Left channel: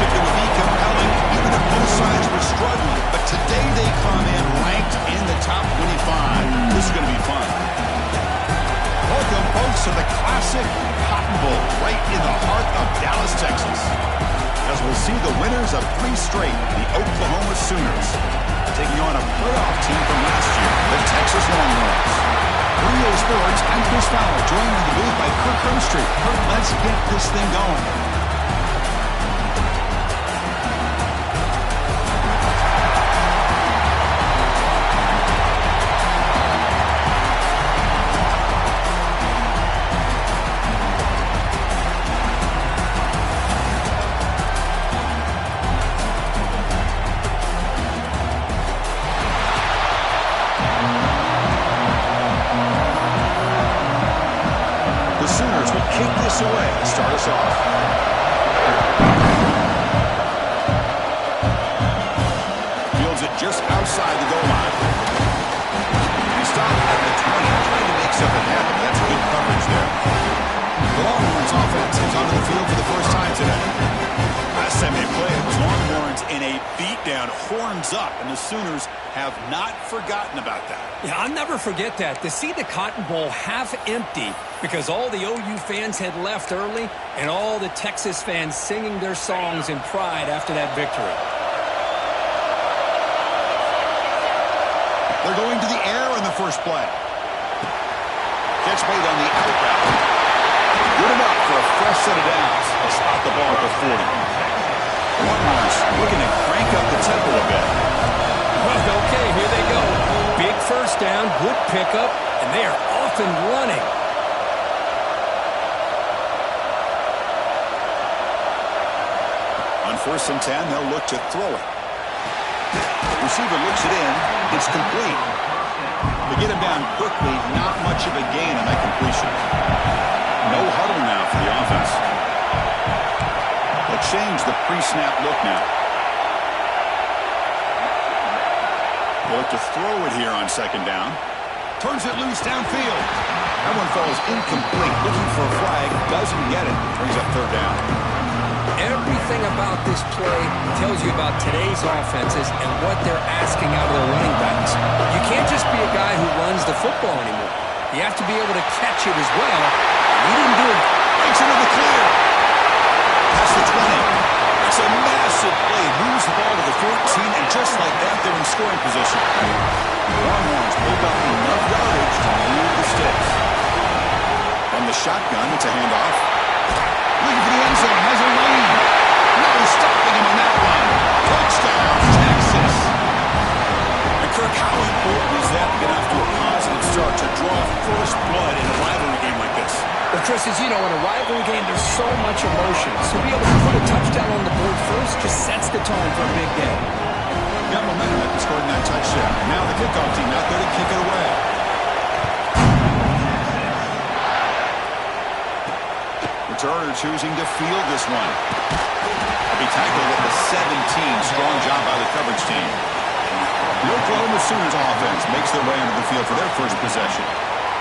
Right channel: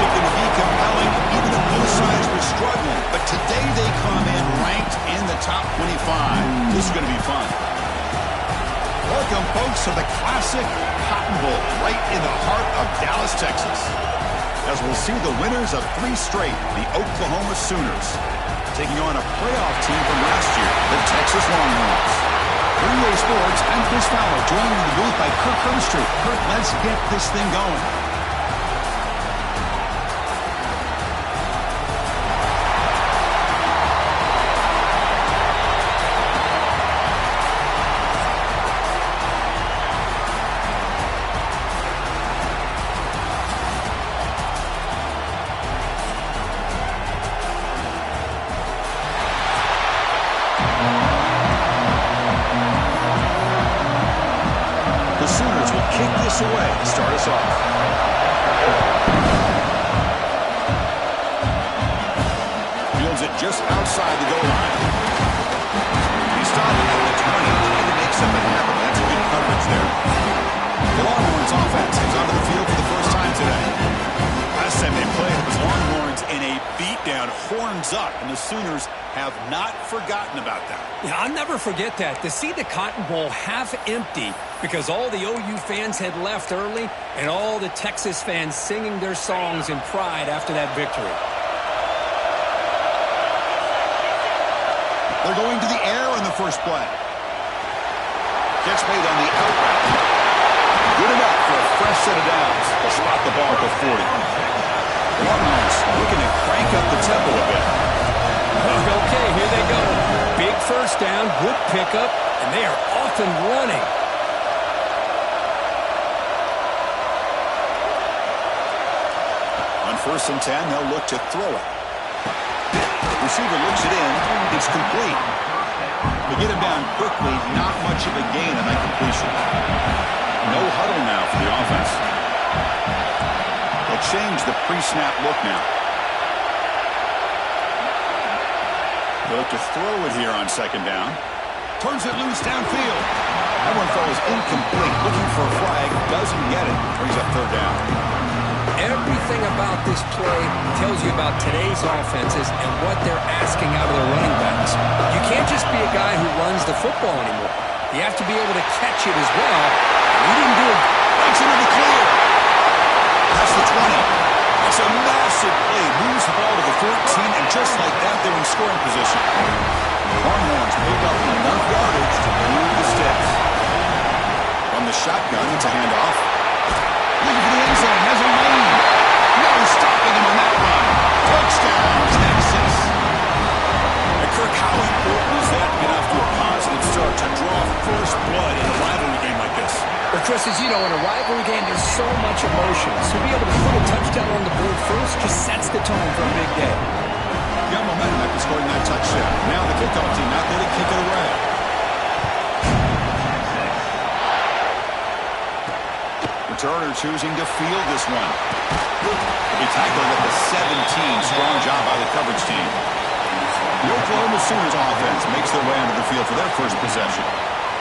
championship that would be compelling even if both sides were struggling. But today they come in ranked in the top 25. This is going to be fun. Welcome, folks, to the classic Cotton Bowl right in the heart of Dallas, Texas. As we'll see the winners of 3 straight, the Oklahoma Sooners, taking on a playoff team from last year, the Texas Longhorns. For EA Sports, I'm Chris Fowler, joined in the booth by Kirk Herbstreit. Kirk, let's get this thing going. Away to start us off. Fields it just outside the goal line. He stopped at the 20, trying to make something happen. That's good coverage there. The Longhorns offense is onto the field for the first time today. Last time they played, it was Longhorns in a beatdown, horns up, and the Sooners have not forgotten about that. Yeah, I'll never forget that. To see the Cotton Bowl half empty because all the OU fans had left early and all the Texas fans singing their songs in pride after that victory. They're going to the air on the first play. Catch made on the out route. Good enough for a fresh set of downs. They'll spot the ball at the 40. The Longhorns looking to crank up the tempo a bit. Okay, here they go. Big first down, good pickup, and they are off and running. On 1st and 10, they'll look to throw it. Receiver looks it in. It's complete. They get him down quickly. Not much of a gain on that completion. No huddle now for the offense. They'll change the pre-snap look now. They look to throw it here on 2nd down. Turns it loose downfield. That one falls incomplete. Looking for a flag. Doesn't get it. Brings up 3rd down. Everything about this play tells you about today's offenses and what they're asking out of their running backs. You can't just be a guy who runs the football anymore. You have to be able to catch it as well. And he didn't do it. Breaks into the clear. Past the 20. It's a massive play. Moves the ball to the 14, and just like that, they're in scoring position. Longhorns pick up enough yardage to move the sticks. From the shotgun, it's a handoff. Looking for the end zone. Has a lane. No stopping him on that run. Touchdown, Texas. And Kirk, how important is that to get off to a positive start to draw first blood in a rivalry game like this? Well, Chris, as you know, in a rivalry game, there's so much emotion. So to be able to put a touchdown on the board first just sets the tone for a big day. Got momentum after scoring that touchdown. Now the kickoff team out there to kick it away. Returner choosing to field this one. He tackled at the 17. Strong job by the coverage team. The Oklahoma Sooners offense makes their way onto the field for their first possession.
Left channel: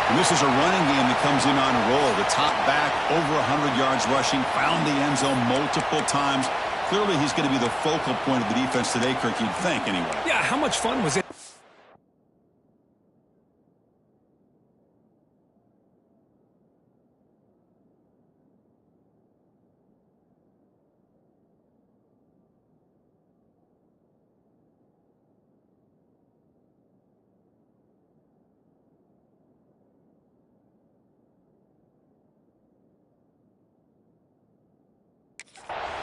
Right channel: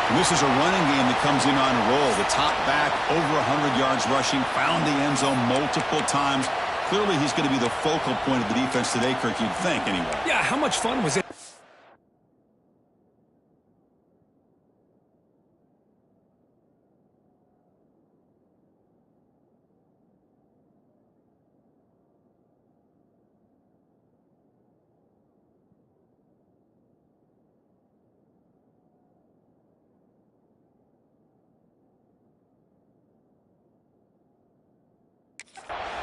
And this is a running game that comes in on a roll. The top back, over 100 yards rushing, found the end zone multiple times. Clearly, he's going to be the focal point of the defense today, Kirk, you'd think, anyway. Yeah, how much fun was it?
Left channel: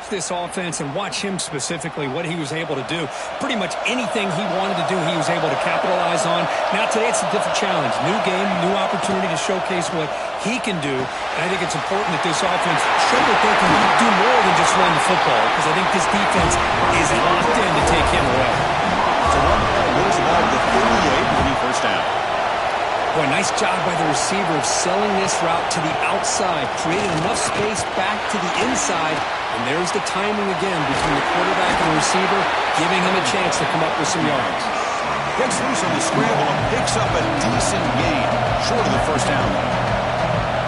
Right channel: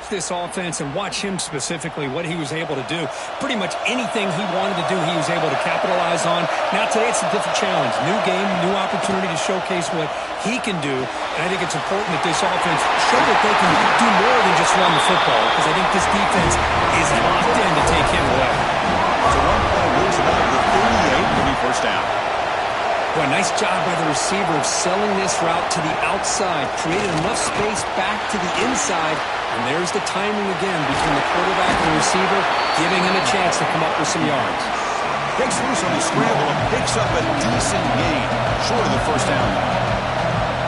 This offense and watch him specifically, what he was able to do. Pretty much anything he wanted to do, he was able to capitalize on. Now today it's a different challenge. New game, new opportunity to showcase what he can do. And I think it's important that this offense show that they can do more than just run the football, because I think this defense is locked in to take him away. So one play moves the ball to the 38, winning 1st down. Boy, nice job by the receiver of selling this route to the outside, created enough space back to the inside. And there's the timing again between the quarterback and the receiver, giving him a chance to come up with some yards. Gets loose on the scramble and picks up a decent gain, short of the 1st down.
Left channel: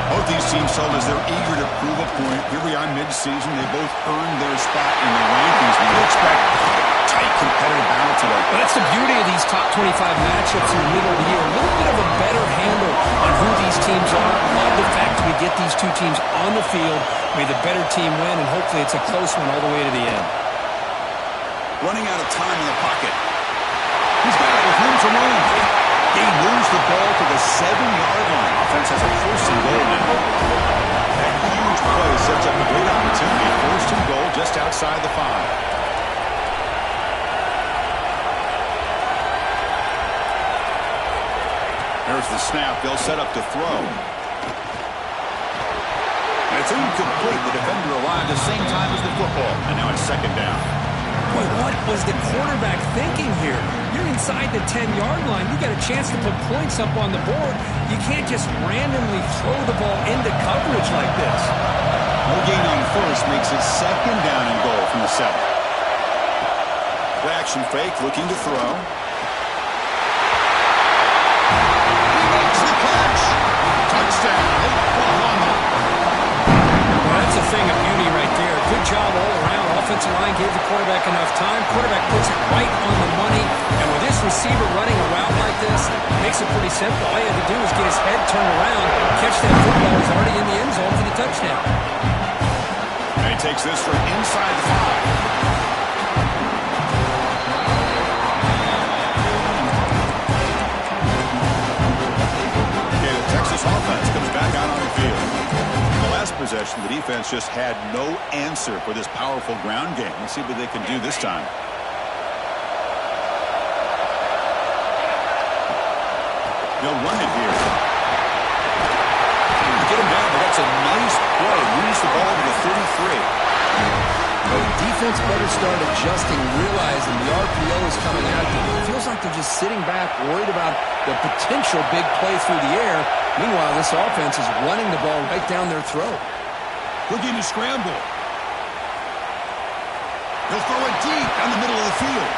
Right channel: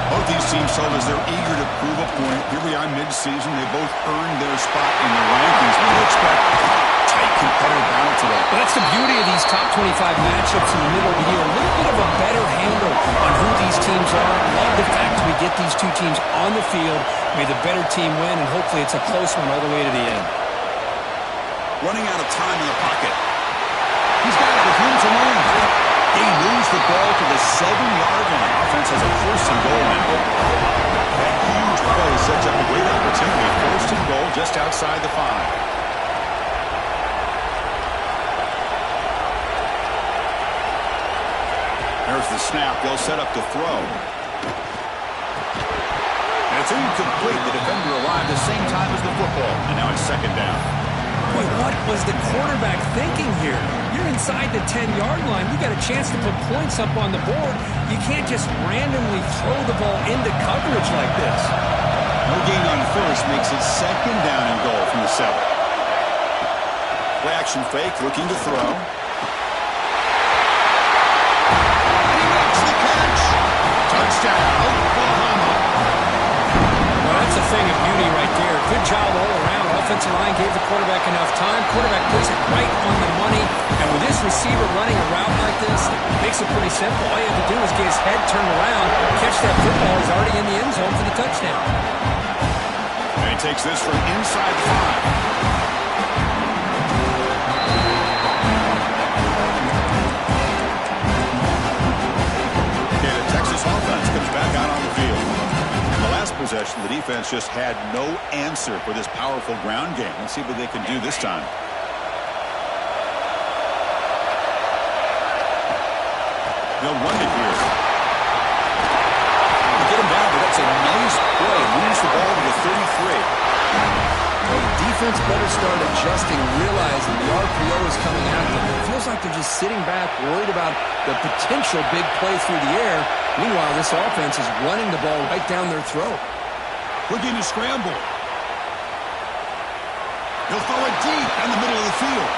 Both these teams told us they're eager to prove a point. Here we are mid-season. They both earned their spot in the rankings. We expect tight competitive battle today. Well, that's the beauty of these top 25 matchups in the middle of the year. A little bit of a better handle on who these teams are. Love the fact we get these two teams on the field. May the better team win, and hopefully it's a close one all the way to the end. Running out of time in the pocket. He's got it with room to run. He moves the ball to the 7-yard line. Offense has a 1st and goal now. That huge play sets up a great opportunity. 1st and goal just outside the 5. There's the snap. They'll set up to throw. And it's incomplete. The defender arrived the same time as the football. And now it's 2nd down. Boy, what was the quarterback thinking here? You're inside the 10-yard line. You got a chance to put points up on the board. You can't just randomly throw the ball into coverage like this. No gain on 1st makes it 2nd down and goal from the 7. Play action fake, looking to throw. He makes the catch. Touchdown, Oklahoma. Well, that's a thing of beauty right there. Good job all around. Offensive line gave the quarterback enough time. Quarterback puts it right on the money. And with this receiver running a route like this, it makes it pretty simple. All you have to do is get his head turned around, catch that football. He's already in the end zone for the touchdown. And he takes this from inside the 5. Okay, the Texas offense comes back out on the field. Last possession, the defense just had no answer for this powerful ground game. Let's see what they can do this time. They'll run it here. To get him down, but that's a nice play. Moves the ball to the 33. Well, the defense better start adjusting, realizing the RPO is coming at them. It feels like they're just sitting back, worried about the potential big play through the air. Meanwhile, this offense is running the ball right down their throat. Looking to scramble. He'll throw it deep down the middle of the field.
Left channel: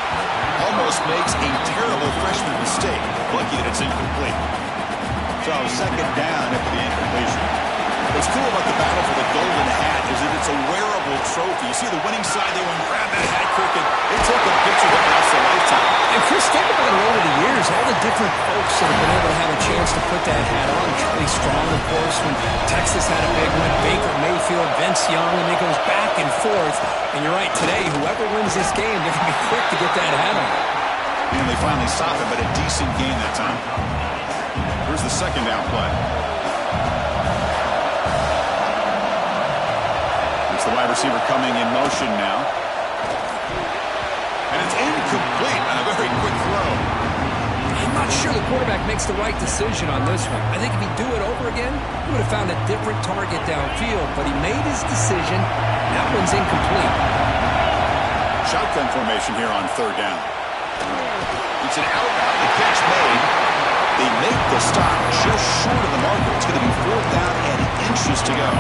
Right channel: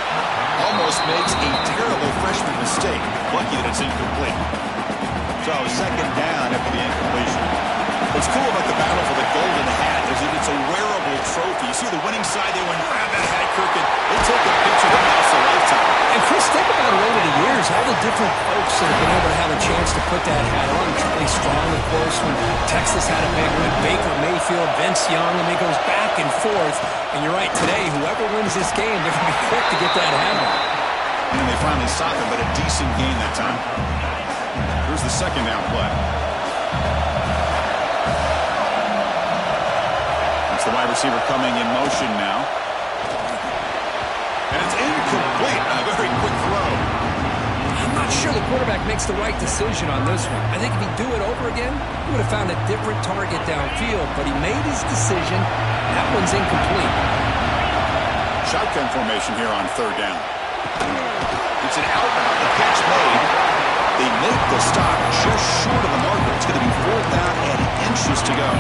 Almost makes a terrible freshman mistake. Lucky that it's incomplete. So 2nd down after the incompletion. What's cool about the battle for the golden hat is that it's a wearable trophy. You see the winning side, they went grab that hat, Kirk, and they take a picture that lasts a lifetime. And Chris, think about it over the years, all the different folks that have been able to have a chance to put that hat on. Charlie Strong, of course, when Texas had a big one. Baker Mayfield, Vince Young, and it goes back and forth. And you're right, today, whoever wins this game, they're going to be quick to get that hat on. And they finally stop it, but a decent gain that time. Here's the 2nd down play. It's the wide receiver coming in motion now. And it's incomplete on a very quick throw. I'm not sure the quarterback makes the right decision on this one. I think if he'd do it over again, he would have found a different target downfield, but he made his decision. That one's incomplete. Shotgun formation here on 3rd down. It's an outbound. The catch made. They make the stop just short of the marker. It's going to be 4th down and inches to go.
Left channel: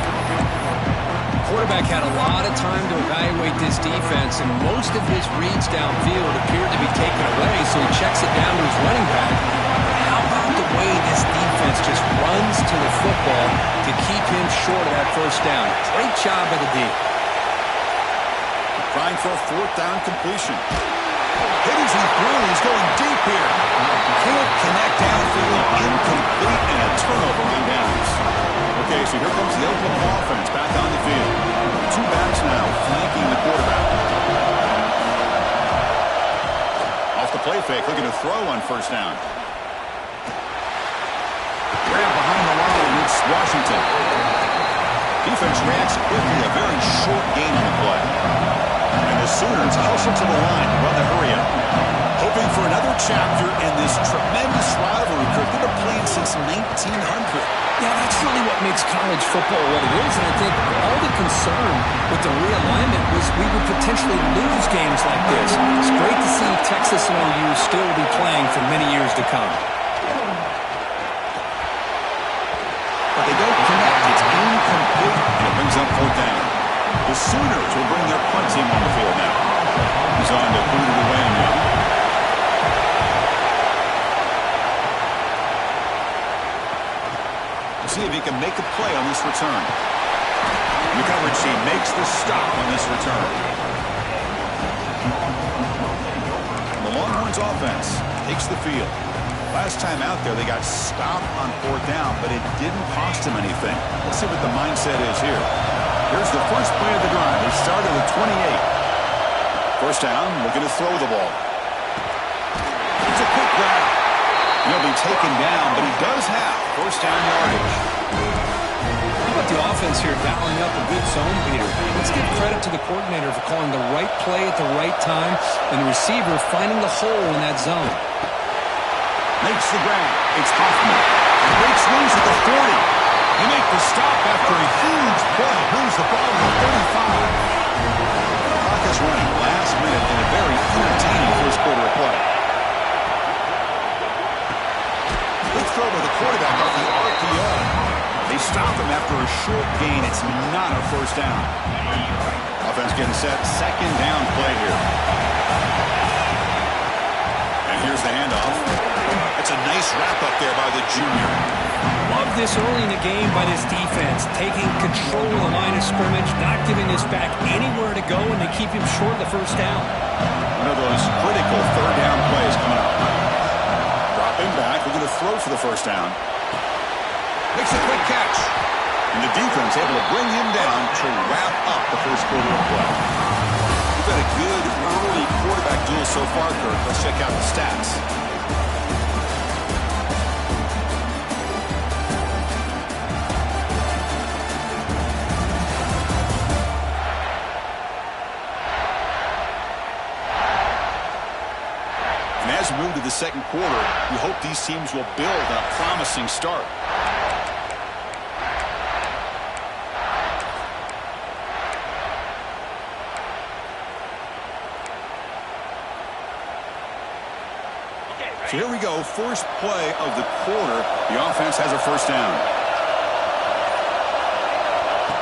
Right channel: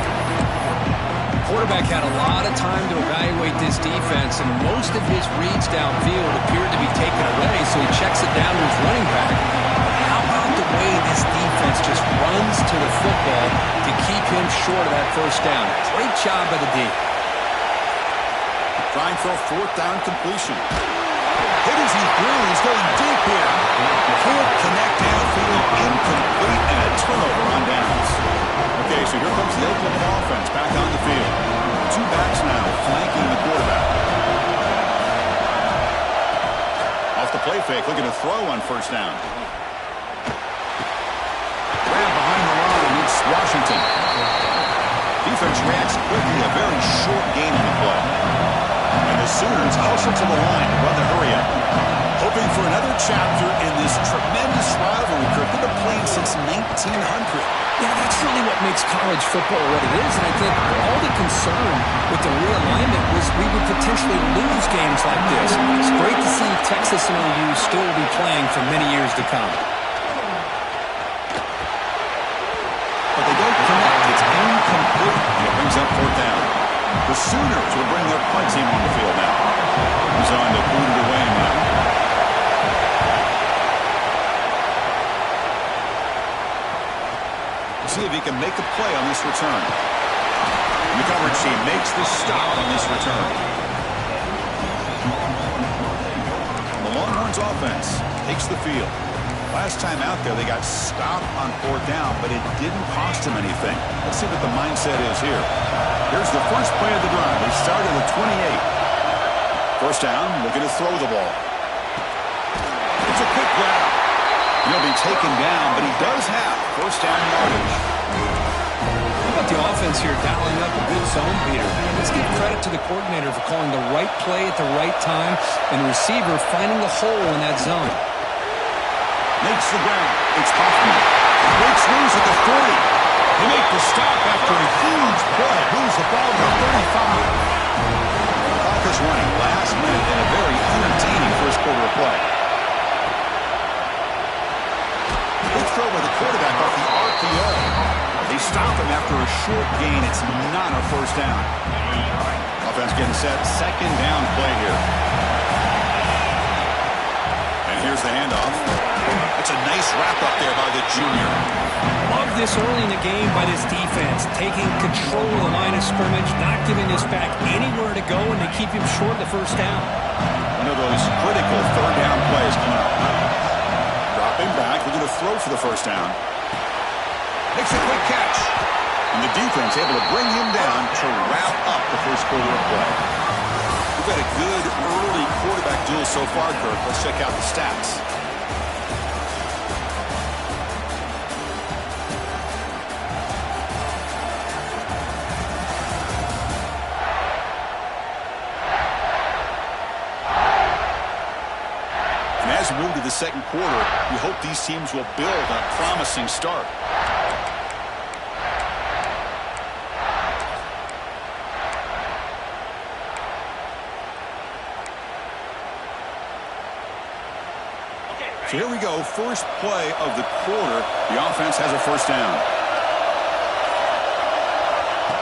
Quarterback had a lot of time to evaluate this defense, and most of his reads downfield appeared to be taken away, so he checks it down to his running back. How about the way this defense just runs to the football to keep him short of that 1st down? Great job by the D. Trying for a 4th down completion. Hit as he threw. He's going deep here. Can't connect downfield. Incomplete, and a turnover on downs. Okay, so here comes the Oklahoma offense back on the field. 2 backs now flanking the quarterback. Off the play fake, looking to throw on 1st down. Grab behind the line, it's Washington. Defense reacts quickly, a very short gain on the play. And the Sooners hustle to the line to run the hurry-up. Hoping for another chapter in this tremendous rivalry, Kirk. They've been playing since 1900. Yeah, that's really what makes college football what it is, and I think all the concern with the realignment was we would potentially lose games like this. It's great to see Texas and OU still be playing for many years to come. But they don't connect. It's incomplete, and it brings up 4th down. The Sooners will bring their punt team on the field now. He's on to boot it away now. See if he can make a play on this return. The coverage team makes the stop on this return. The Longhorns offense takes the field. Last time out there, they got stopped on 4th down, but it didn't cost them anything. Let's see what the mindset is here. Here's the first play of the drive. They started at 28. First down, looking to throw the ball. It's a quick grab. He'll be taken down, but he does have first down yardage. How about the offense here dialing up a good zone beater? Let's give credit to the coordinator for calling the right play at the right time and the receiver finding the hole in that zone. Makes the grab. It's Hoffman. Breaks loose at the 40. They make the stop after a huge play. Moves the ball to the 35. The clock is running last minute in a very entertaining first quarter of play. Good throw by the quarterback off the RPO. They stop him after a short gain. It's not a first down. Offense getting set. Second down play here. And here's the handoff. That's a nice wrap up there by the junior. Love this early in the game by this defense. Taking control of the line of scrimmage, not giving this back anywhere to go, and they keep him short of the first down. One of those critical third down plays coming up. Dropping back, looking to throw for the first down. Makes a quick catch. And the defense able to bring him down to wrap up the first quarter of play. We've got a good early quarterback duel so far, Kirk. Let's check out the stats. And as we move to the second quarter, we hope these teams will build on a promising start. So here we go, first play of the quarter. The offense has a first down.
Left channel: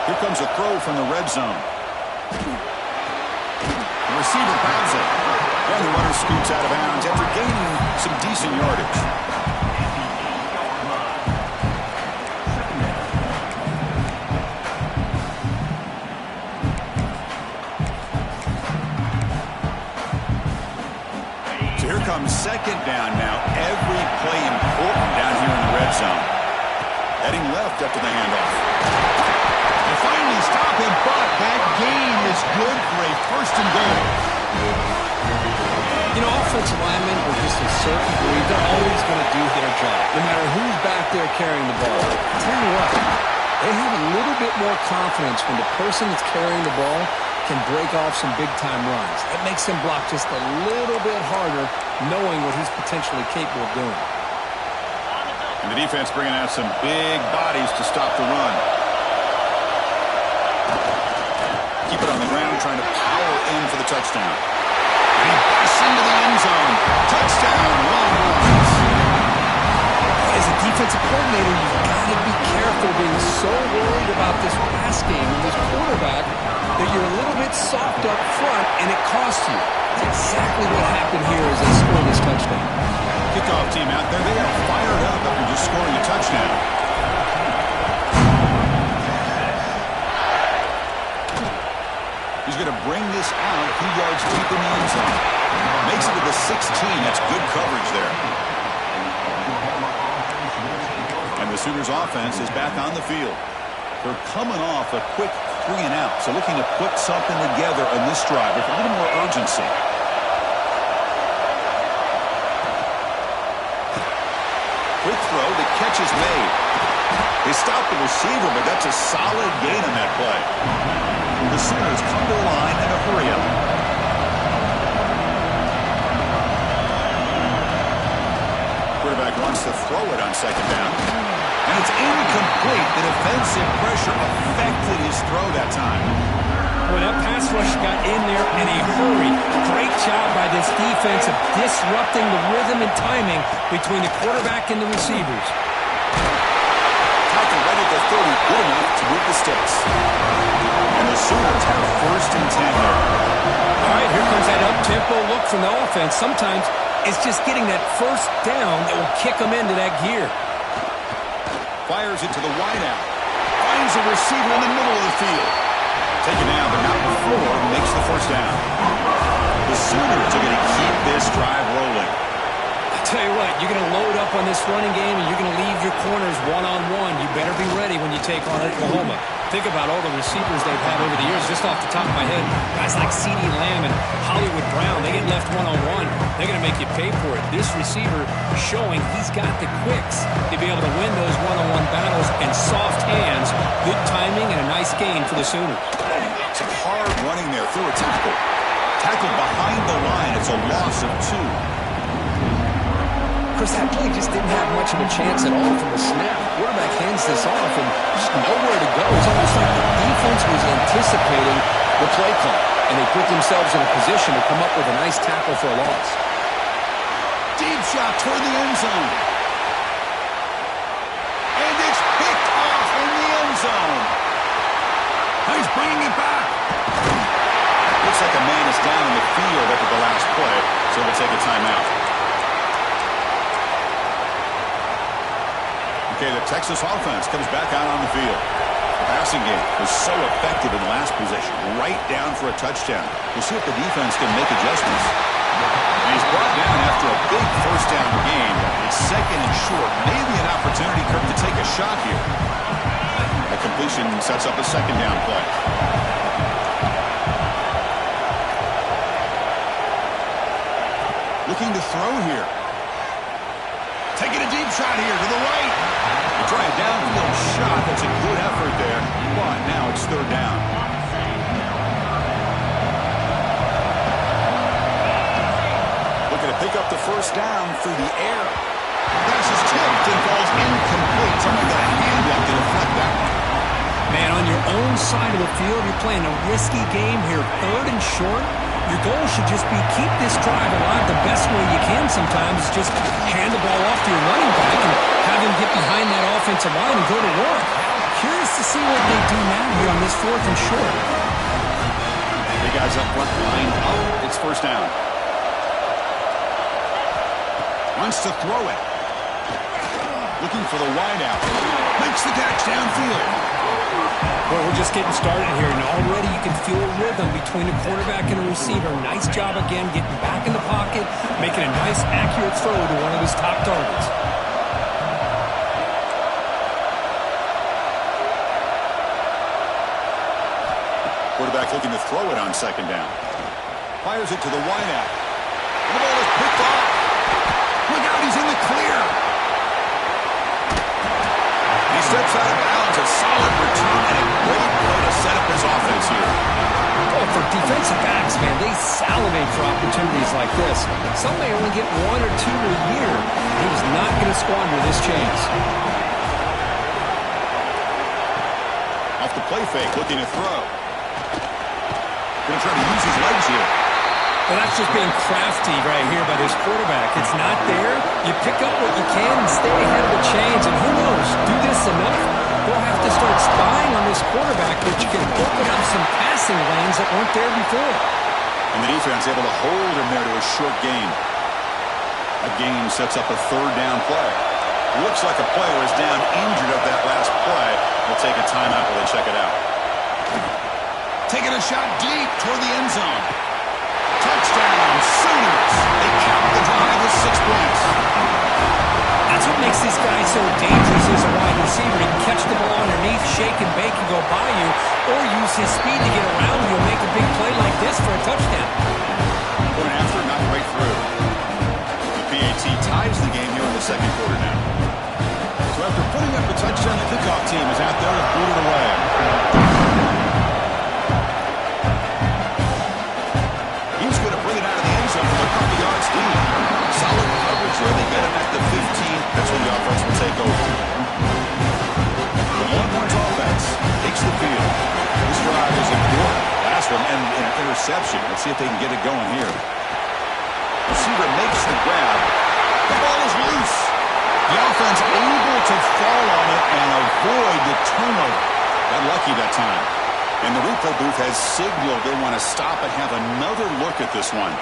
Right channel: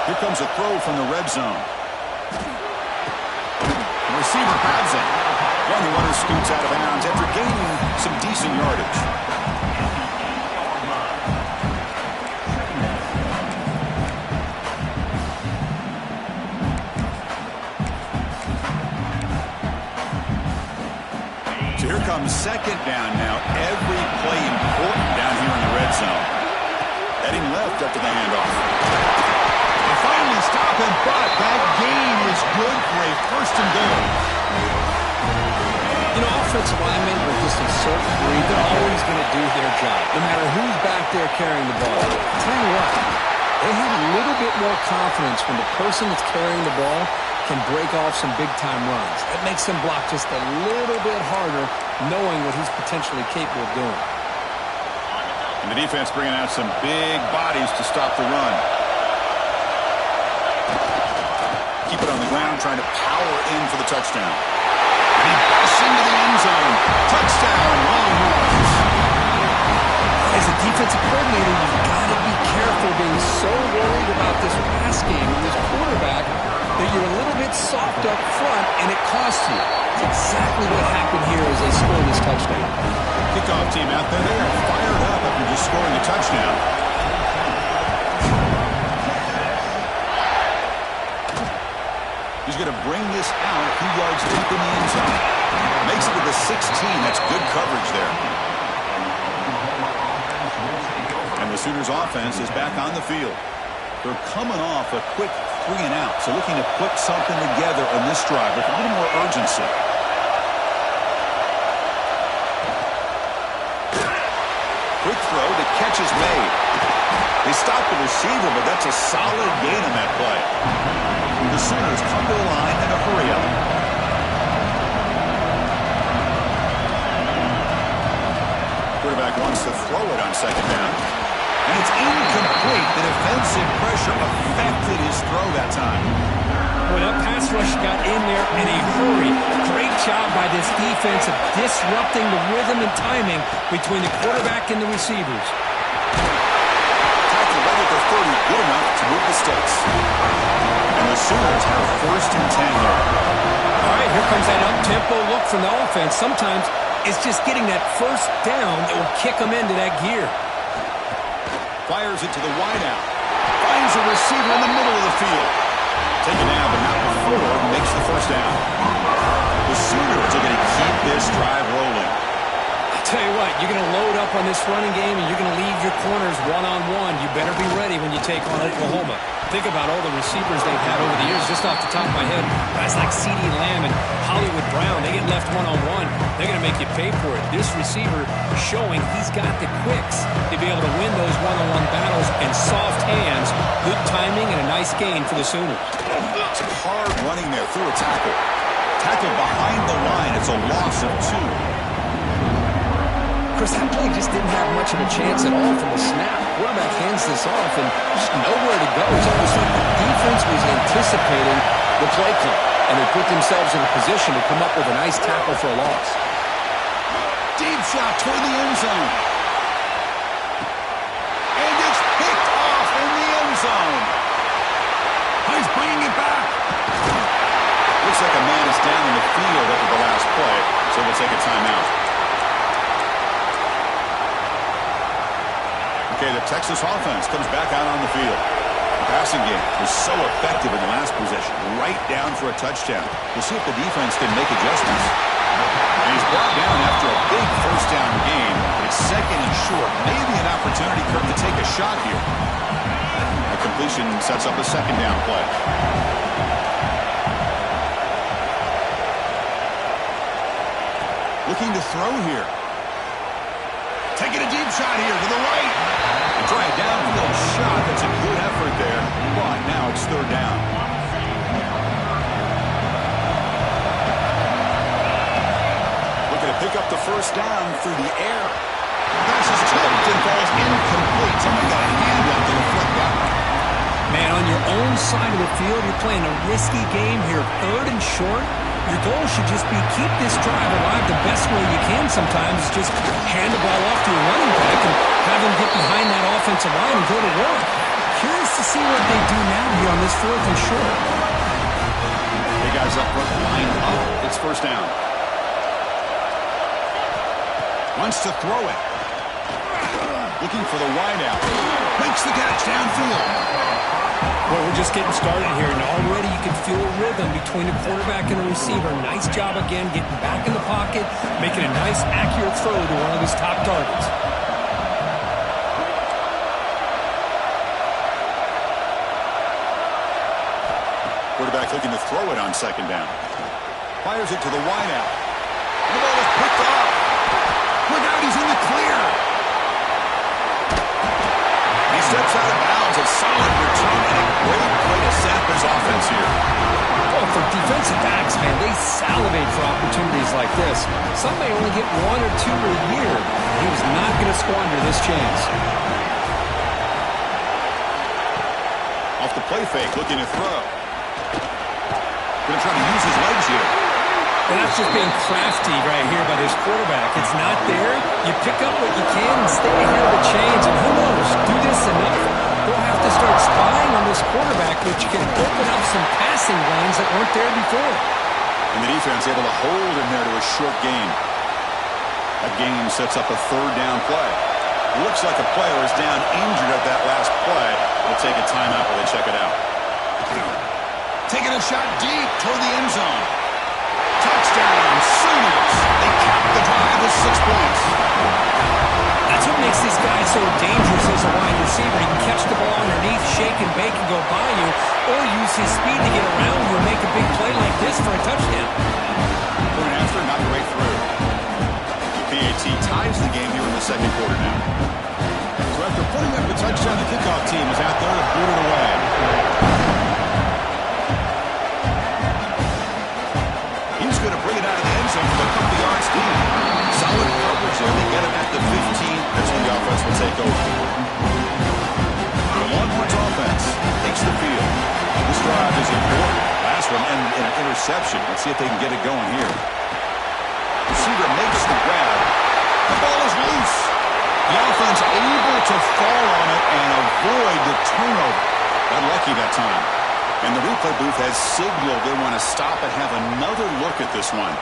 Here comes a throw from the red zone. The receiver grabs it. And the runner scoots out of bounds after gaining some decent yardage. So here comes second down now. Every play important down here in the red zone. Heading left after the handoff. They finally stop him, but that gain is good for a first and goal. You know, offensive linemen are just a certain breed. They're always going to do their job, no matter who's back there carrying the ball. I'll tell you what, they have a little bit more confidence when the person that's carrying the ball can break off some big-time runs. That makes them block just a little bit harder, knowing what he's potentially capable of doing. And the defense bringing out some big bodies to stop the run. Keep it on the ground, trying to power in for the touchdown. And he busts into the end zone. Touchdown, Longhorns. As a defensive coordinator, you've got to be careful being so worried about this pass game and this quarterback that you're a little bit soft up front and it costs you. That's exactly what happened here as they score this touchdown. Kickoff team out there, they are fired up after just scoring a touchdown. He's going to bring this out a few yards deep in the end zone. Makes it to the 16. That's good coverage there. And the Sooners offense is back on the field. They're coming off a quick 3 and out, so looking to put something together on this drive with a little more urgency. Quick throw, the catch is made. They stop the receiver, but that's a solid gain on that play. The Sooners come to the line in a hurry up. Quarterback wants to throw it on second down. And it's incomplete. The defensive pressure affected his throw that time. Well, that pass rush got in there in a hurry. Great job by this defense of disrupting the rhythm and timing between the quarterback and the receivers. Tackle right at the 30, good enough to move the sticks. And the Sooners have first and 10 here. All right, here comes that up-tempo look from the offense. Sometimes it's just getting that first down that will kick them into that gear. Fires it to the wideout. Finds a receiver in the middle of the field. Taken down, but not before he makes the first down. The Sooners are going to keep this drive rolling. I tell you what, you're going to load up on this running game, and you're going to leave your corners one-on-one. You better be ready when you take on Oklahoma. Think about all the receivers they've had over the years. Just off the top of my head, guys like CeeDee Lamb and Hollywood Brown, they get left one-on-one. They're going to make you pay for it. This receiver showing he's got the quicks to be able to win those one-on-one battles and soft hands, good timing, and a nice gain for the Sooners. It's hard running there through a tackle. Tackled behind the line. It's a loss of 2. Chris, that play just didn't have much of a chance at all from the snap. Quarterback hands this off and just nowhere to go. It's almost like the defense was anticipating the play call, and they put themselves in a position to come up with a nice tackle for a loss. Deep shot toward the end zone. And it's picked off in the end zone. He's bringing it back. Looks like a man is down in the field after the last play, so we'll take a timeout. Okay, the Texas offense comes back out on the field. The passing game was so effective in the last possession, right down for a touchdown. We'll see if the defense can make adjustments. And he's brought down after a big first down game. It's second and short. Maybe an opportunity, Kirk, to take a shot here. That completion sets up a second down play. Looking to throw here. Taking a deep shot here to the right. They try a downfield shot. That's a good effort there. But now it's third down. Looking to pick up the first down through the air. Pass is tipped and falls incomplete. Someone got a hand up to deflect that one. Man, on your own side of the field, you're playing a risky game here. Third and short. Your goal should just be keep this drive alive the best way you can sometimes. Just hand the ball off to your running back and have him get behind that offensive line and go to work. Curious to see what they do now here on this fourth and short. The guys up front lined up. It's first down. Wants to throw it. Looking for the wideout. Makes the catch downfield. Well, we're just getting started here, and already you can feel a rhythm between a quarterback and a receiver. Nice job again getting back in the pocket, making a nice, accurate throw to one of his top targets. Quarterback looking to throw it on second down. Fires it to the wideout. And the ball is picked off. Look out, he's in the clear. He steps out of bounds. A solid return and a great play to set up his offense here. Oh, for defensive backs, man, they salivate for opportunities like this. Some may only get 1 or 2 a year. He was not going to squander this chance. Off the play fake, looking to throw. Going to try to use his legs here. Well, that's just being crafty right here by this quarterback. It's not there. You pick up what you can and stay ahead of the chains. And who knows, do this enough, they'll have to start spying on this quarterback, which can open up some passing lanes that weren't there before. And the defense able to hold him there to a short gain. That gain sets up a third down play. It looks like a player is down injured at that last play. We'll take a timeout while they check it out. Taking a shot deep toward the end zone. Touchdown, Sooners. They cap the drive with 6 points. That's what makes this guy so dangerous as a wide receiver. He can catch the ball underneath, shake and bake and go by you, or use his speed to get around you and make a big play like this for a touchdown. Point after, not right through. The PAT ties the game here in the second quarter now. So after putting up the touchdown, the kickoff team is out there to boot it away. He's going to bring it out of the end zone from a couple yards deep. Solid coverage there. They get him at the 15. That's when the offense will take over. The Longhorns offense takes the field. This drive is important. Last one ended in an interception. Let's see if they can get it going here. Receiver makes the grab. The ball is loose. The offense able to fall on it and avoid the turnover. Got lucky that time. And the replay booth has signaled they want to stop and have another look at this one.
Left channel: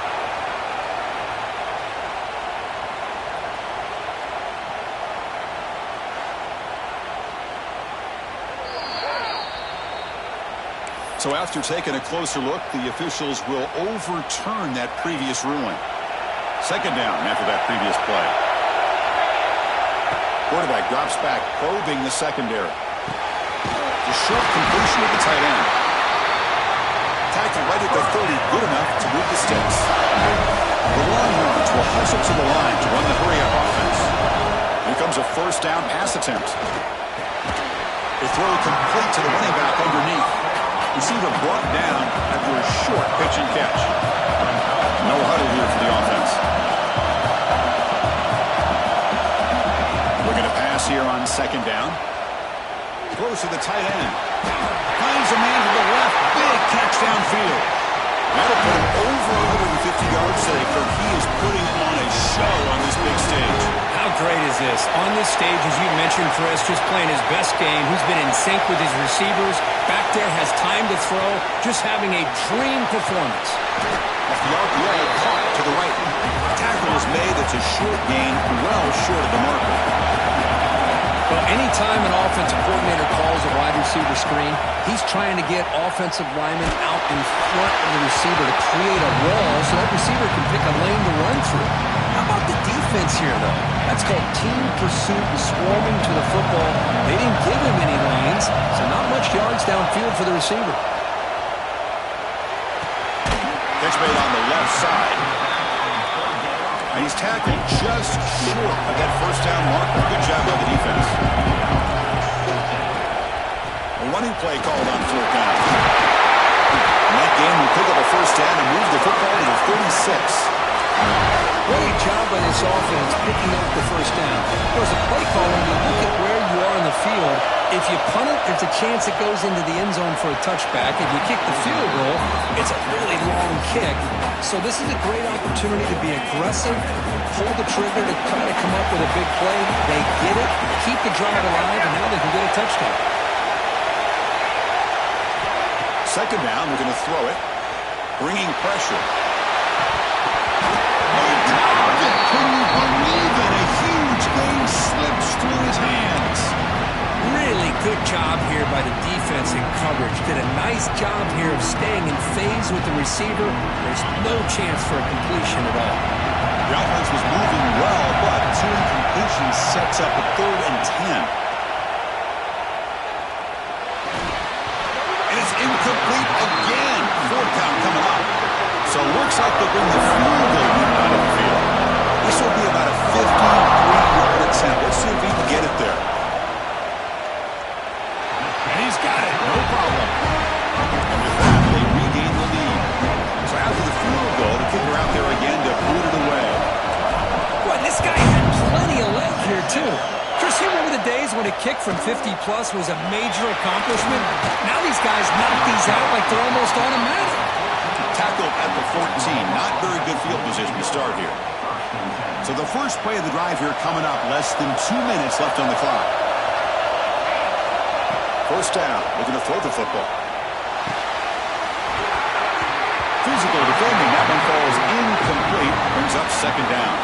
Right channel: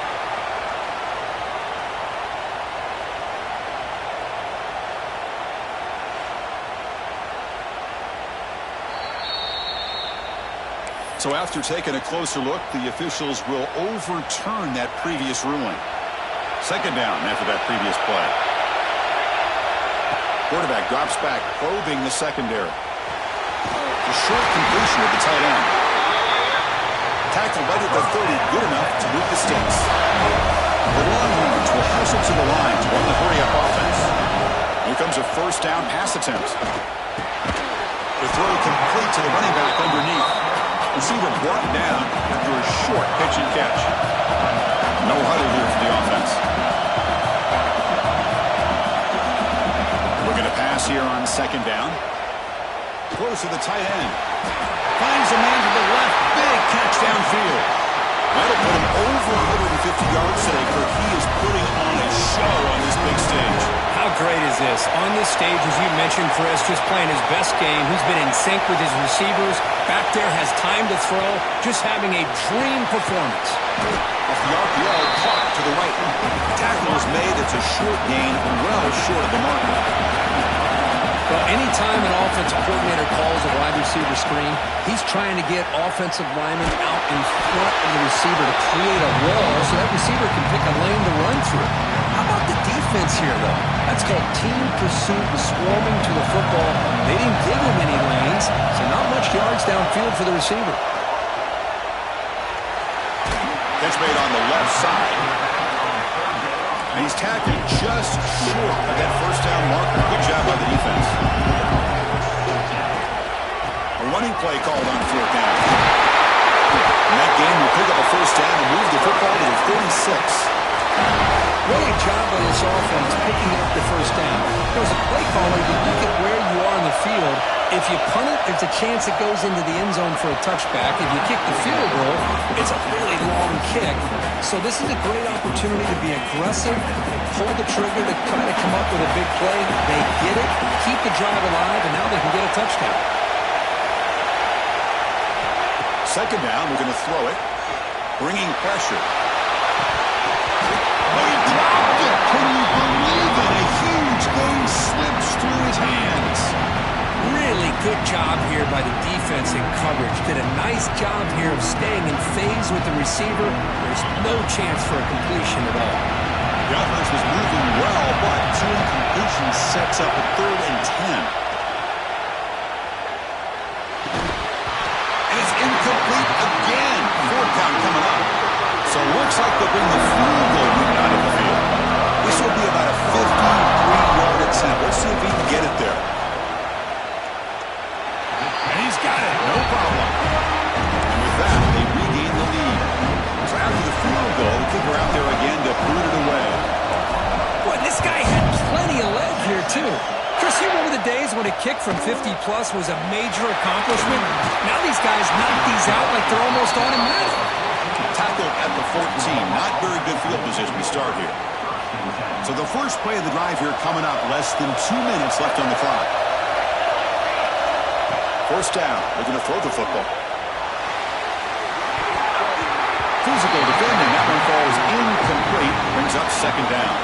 So after taking a closer look, the officials will overturn that previous ruling. Second down after that previous play. Quarterback drops back, probing the secondary. The short completion of the tight end. Tackle right at the 30, good enough to move the sticks. The Longhorns will hustle to the line to run the hurry-up offense. Here comes a first down pass attempt. The throw complete to the running back underneath. Receiver brought down after a short pitch and catch. No huddle here for the offense. Looking to pass here on second down. Throws to the tight end. Finds a man to the left. Big catch downfield. That'll put him over 150 yards today. Kirk, he is putting on a show on this big stage. How great is this? On this stage, as you mentioned, Chris, just playing his best game. He's been in sync with his receivers. Back there, has time to throw. Just having a dream performance. Off the RPO, caught to the right. Tackle is made. It's a short gain, well short of the marker. Well, anytime an offensive coordinator calls a wide receiver screen, he's trying to get offensive linemen out in front of the receiver to create a wall so that receiver can pick a lane to run through. How about the defense here, though? That's called team pursuit and swarming to the football. They didn't give him any lanes, so not much yards downfield for the receiver. Catch made on the left side. And he's tackled just short of that first down marker. Good job by the defense. A running play called on fourth down. And that game will pick up a first down and move the football to the 36. Great job by this offense picking up the first down. There was a play caller. You look at where you are in the field. If you punt it, there's a chance it goes into the end zone for a touchback. If you kick the field goal, it's a really long kick. So this is a great opportunity to be aggressive, pull the trigger to try to come up with a big play. They get it, keep the drive alive, and now they can get a touchdown. Second down, we're going to throw it. Bringing pressure. He dropped it. Can you believe it? A huge gain slips through his hands. Really good job here by the defense in coverage. Did a nice job here of staying in phase with the receiver. There's no chance for a completion at all. The offense was moving well, but two incompletions sets up a 3rd and 10. And it's incomplete again. 4th down coming up. So it looks like they'll bring the field goal unit out of the field. This will be about a 53-yard attempt. Let's see if he can get it there. And he's got it. No problem. And with that, they regain the lead. So after the field goal, the kicker out there again to boot it away. Boy, this guy had plenty of leg here, too. Chris, you remember the days when a kick from 50-plus was a major accomplishment? Now these guys knock these out like they're almost automatic. Tackled at the 14. Not very good field position to start here. So the first play of the drive here coming up. Less than 2 minutes left on the clock. First down. Looking to throw the football. Physical defending. That one falls incomplete. Brings up second down.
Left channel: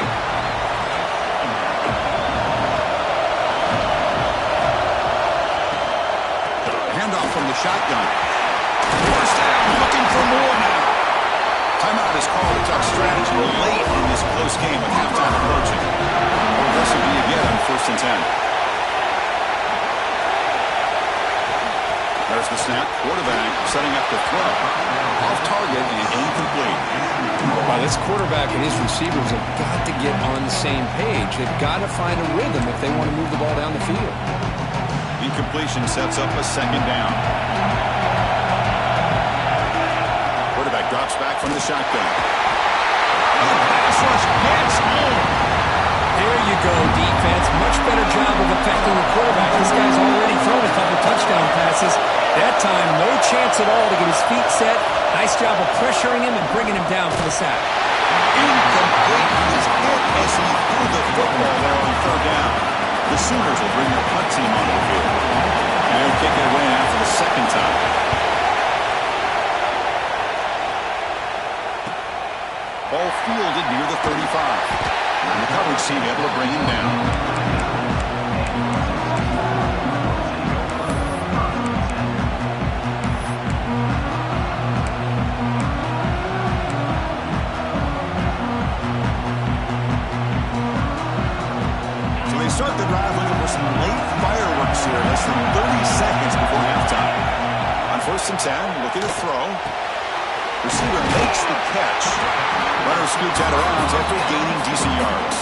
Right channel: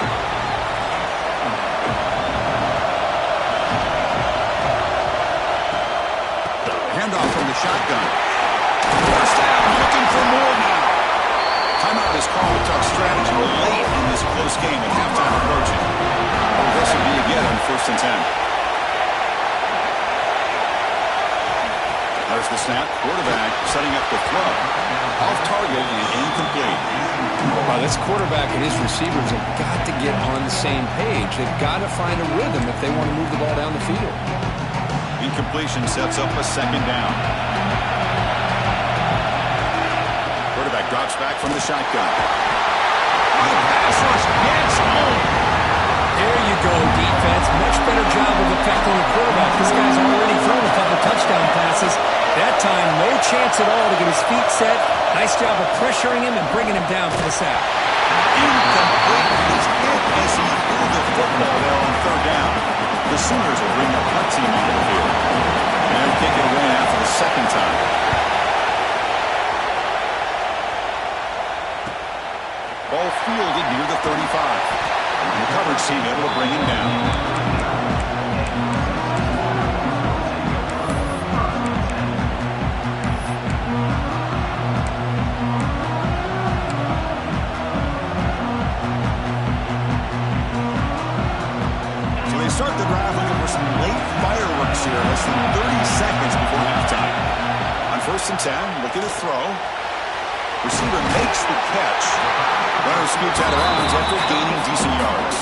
Handoff from the shotgun. First down. Looking for more now. Timeout is called. It took strategy late in this close game with halftime approaching. How aggressive do you get on 1st and 10? There's the snap. Quarterback setting up the throw. Off target and incomplete. Wow, this quarterback and his receivers have got to get on the same page. They've got to find a rhythm if they want to move the ball down the field. Incompletion sets up a second down. Quarterback drops back from the shotgun. The pass rush gets home. There you go, defense. Much better job of affecting the quarterback. This guy's already thrown a couple touchdown passes. That time, no chance at all to get his feet set. Nice job of pressuring him and bringing him down for the sack. Incomplete. He was hit as he threw the football there on 3rd down. The Sooners will bring their punt team onto the field. And they'll kick it away now for the second time. Ball fielded near the 35. And the coverage team able to bring him down. pass here, less than 30 seconds before halftime. On 1st and 10, looking to throw. Receiver makes the catch. Runner scoots out of bounds after gaining decent yards.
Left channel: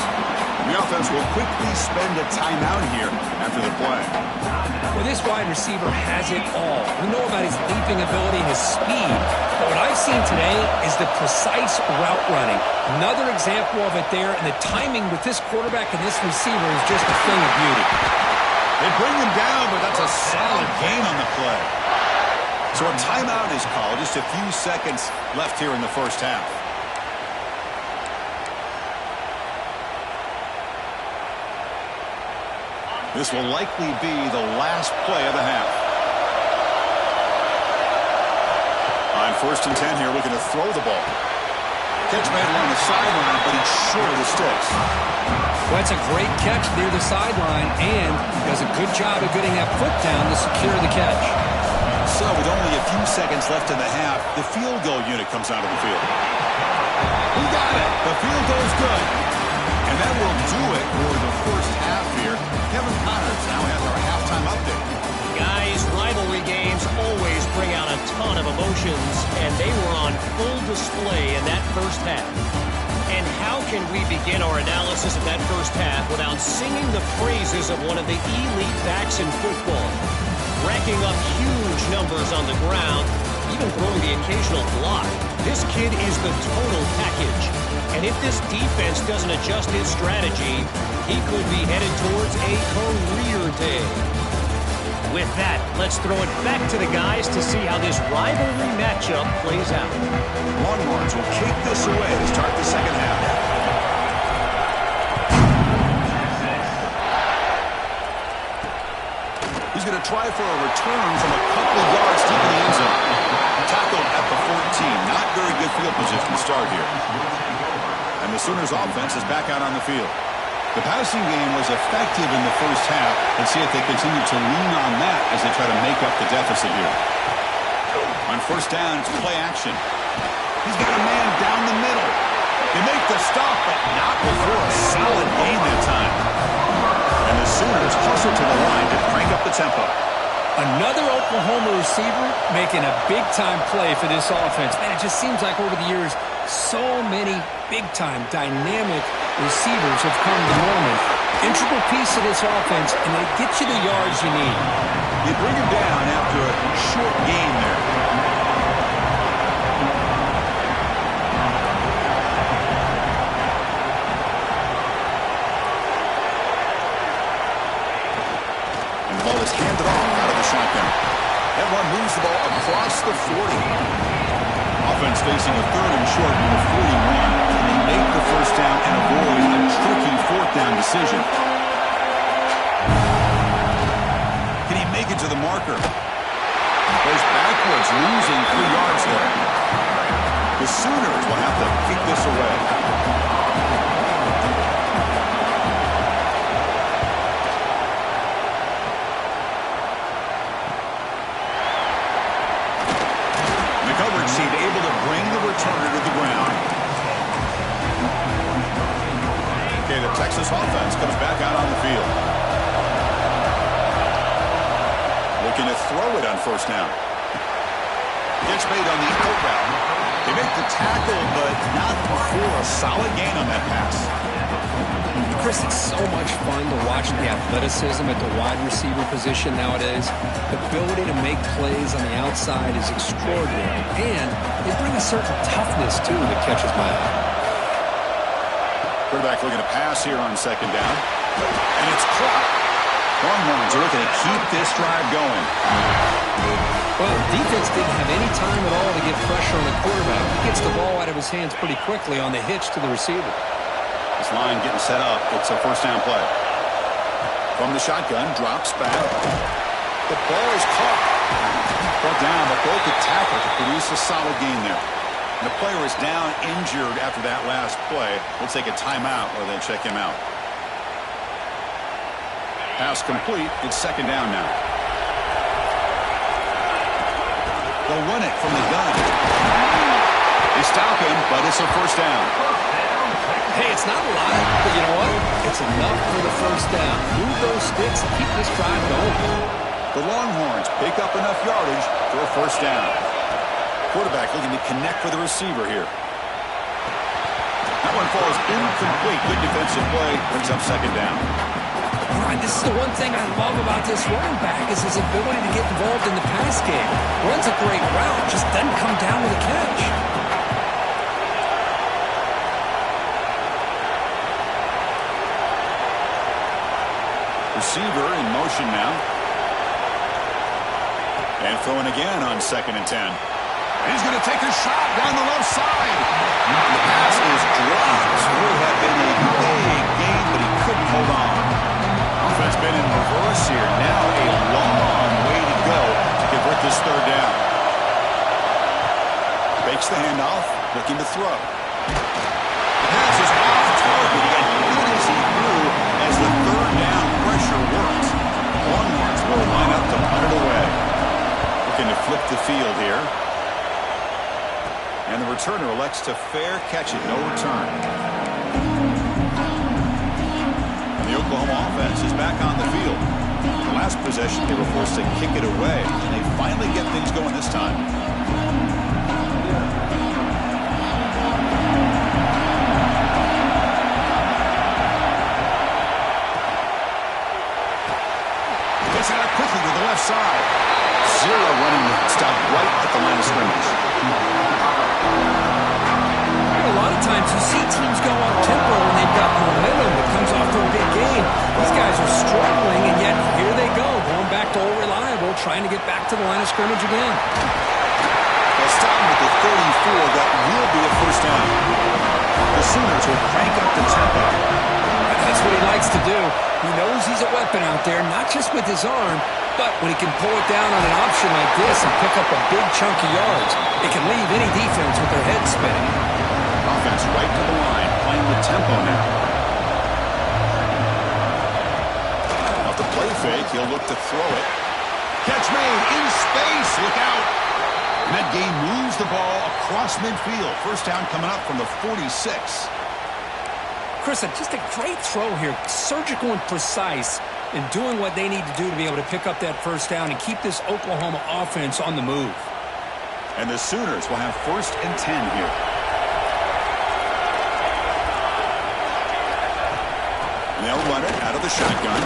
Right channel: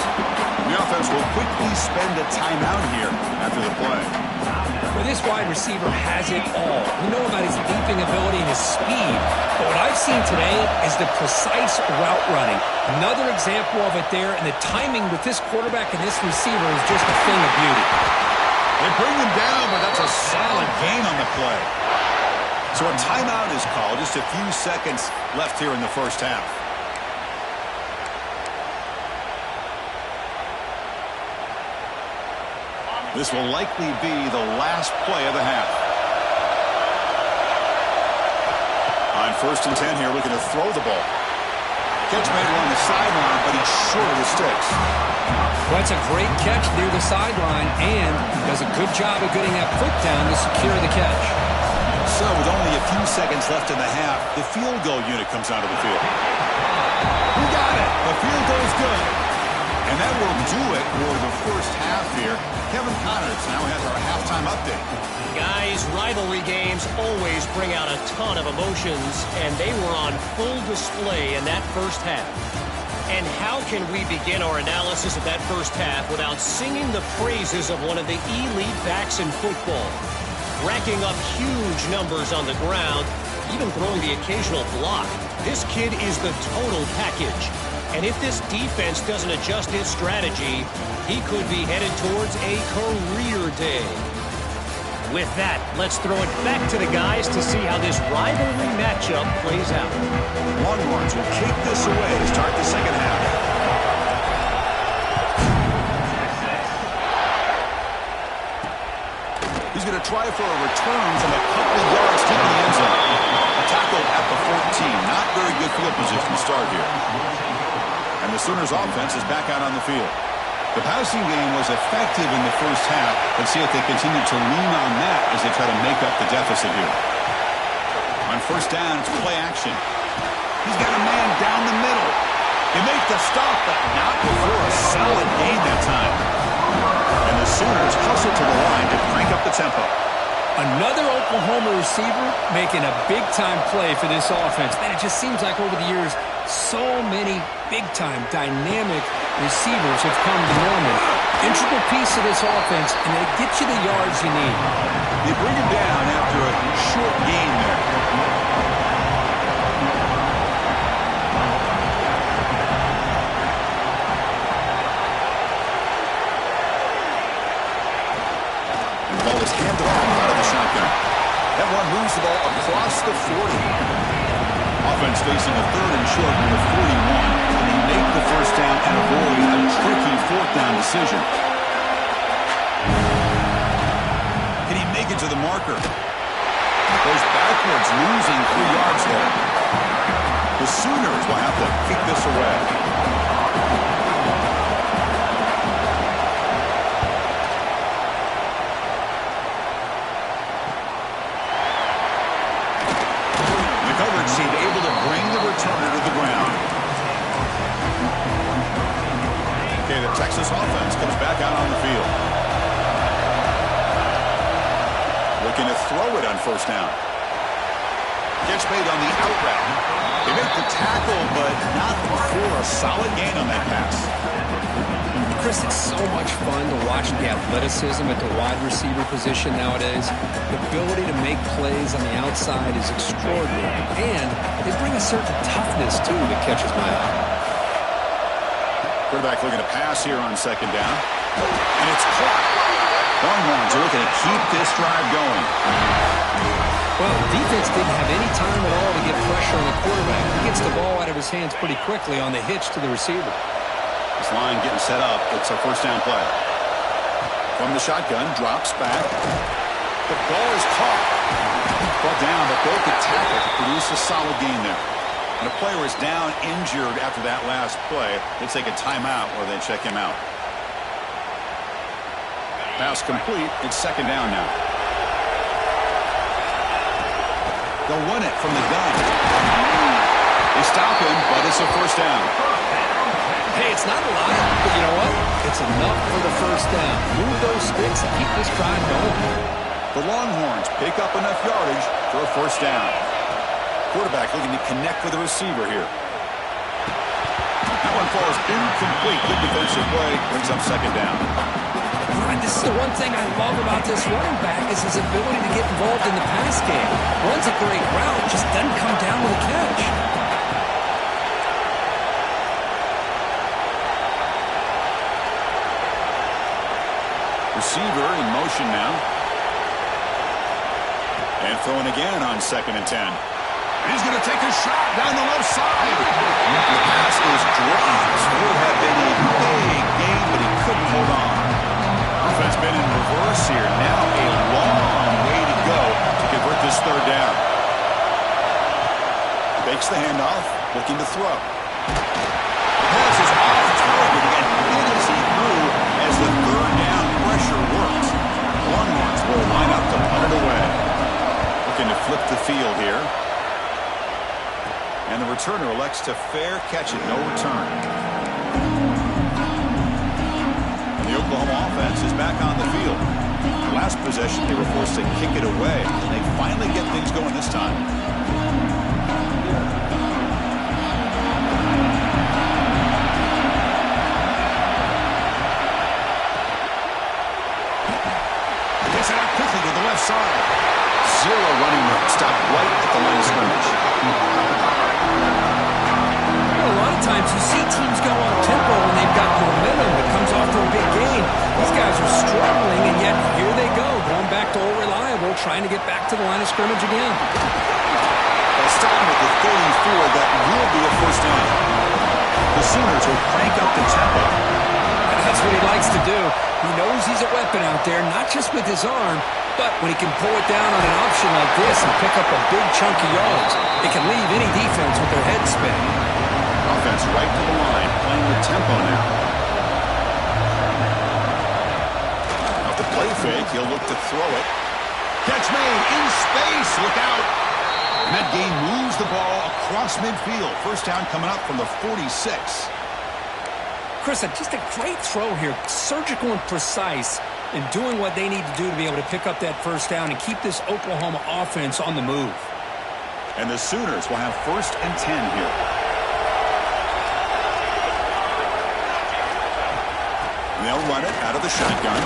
The offense will quickly spend a timeout here after the play. Well, this wide receiver has it all. We know about his leaping ability and his speed, but what I've seen today is the precise route running. Another example of it there, and the timing with this quarterback and this receiver is just a thing of beauty. They bring him down, but that's a solid gain on the play. So a timeout is called. Just a few seconds left here in the first half. This will likely be the last play of the half. On 1st and 10 here, looking to throw the ball. Catch made along the sideline, but he's short of the sticks. Well, that's a great catch near the sideline, and does a good job of getting that foot down to secure the catch. So with only a few seconds left in the half, the field goal unit comes out of the field. We got it. The field goal is good. And that will do it for the first half here. Kevin Connors now has our halftime update. Guys, rivalry games always bring out a ton of emotions, and they were on full display in that first half. And how can we begin our analysis of that first half without singing the praises of one of the elite backs in football? Racking up huge numbers on the ground, even throwing the occasional block. This kid is the total package. And if this defense doesn't adjust its strategy, he could be headed towards a career day. With that, let's throw it back to the guys to see how this rivalry matchup plays out. Longhorns will kick this away to start the second half. He's going to try for a return from a couple of yards deep in the end zone. Tackled at the 14. Not very good field position to start here. And the Sooners offense is back out on the field. The passing game was effective in the first half. Let's see if they continue to lean on that as they try to make up the deficit here. On 1st down, it's play action. He's got a man down the middle. They make the stop, but not before a solid gain that time. And the Sooners hustle to the line to crank up the tempo. Another Oklahoma receiver making a big-time play for this offense. Man, it just seems like over the years, so many big-time, dynamic receivers have come to Norman. Integral piece of this offense, and they get you the yards you need. They bring him down after a short gain there. And the ball is handed off out of the shotgun. That run moves the ball across the 40. Offense facing a 3rd and short from the 41, and they make the first down and avoid a tricky 4th down decision. Can he make it to the marker? Goes backwards, losing 3 yards there. The Sooners will have to kick this away. Coverage seemed able to bring the returner to the ground. Okay, the Texas offense comes back out on the field. Looking to throw it on 1st down. Gets made on the out route. They make the tackle, but not before a solid gain on that pass. Chris, it's so much fun to watch the athleticism at the wide receiver position nowadays. The ability to make plays on the outside is extraordinary, and they bring a certain toughness, too, that catches my eye. Quarterback looking to pass here on 2nd down, and it's caught. Longhorns are looking to keep this drive going. Well, the defense didn't have any time at all to get pressure on the quarterback. He gets the ball out of his hands pretty quickly on the hitch to the receiver. This line getting set up. It's a 1st down play. From the shotgun, drops back. The ball is caught. Brought down, but broke the tackle to produce a solid gain there. And the player is down injured after that last play. We'll take a timeout while they check him out. Pass complete. It's 2nd down now. They'll run it from the gun. They stop him, but it's a 1st down. Hey, it's not a lot, but you know what? It's enough for the first down. Move those sticks and keep this drive going. The Longhorns pick up enough yardage for a first down. Quarterback looking to connect with the receiver here. That one falls incomplete. Good defensive play. Brings up second down. Right, this is the one thing I love about this running back is his ability to get involved in the pass game. Runs a great route, just doesn't come down with a catch. Receiver in motion now. And throwing again on 2nd and 10. He's going to take a shot down the left side. The pass is dropped. Would have been a big gain, but he couldn't hold on. Offense been in reverse here. Now a long way to go to convert this third down. Fakes the handoff, looking to throw. The pass is off target. He got hit as he threw as the third down pressure works. Longhorns will line up to punt it away. Looking to flip the field here. And the returner elects to fair catch it, no return. And the Oklahoma offense is back on the field. The last possession, they were forced to kick it away. And they finally get things going this time. Gets it out quickly to the left side. Zero running room. Stopped right at the line of scrimmage. A lot of times you see teams go on tempo when they've got momentum that comes off to a big game. These guys are struggling, and yet here they go, going back to old reliable, trying to get back to the line of scrimmage again. They'll stop him with the 34. That will be a first down. The Sooners will crank up the tempo. That's what he likes to do. He knows he's a weapon out there, not just with his arm, but when he can pull it down on an option like this and pick up a big chunk of yards, it can leave any defense with their head spinning. Offense right to the line, playing with tempo now. Now the play fake, he'll look to throw it. Catch made in space, look out. And that game moves the ball across midfield. First down coming up from the 46. Chris, just a great throw here, surgical and precise in doing what they need to do to be able to pick up that first down and keep this Oklahoma offense on the move. And the Sooners will have 1st and 10 here. And they'll run it out of the shotgun.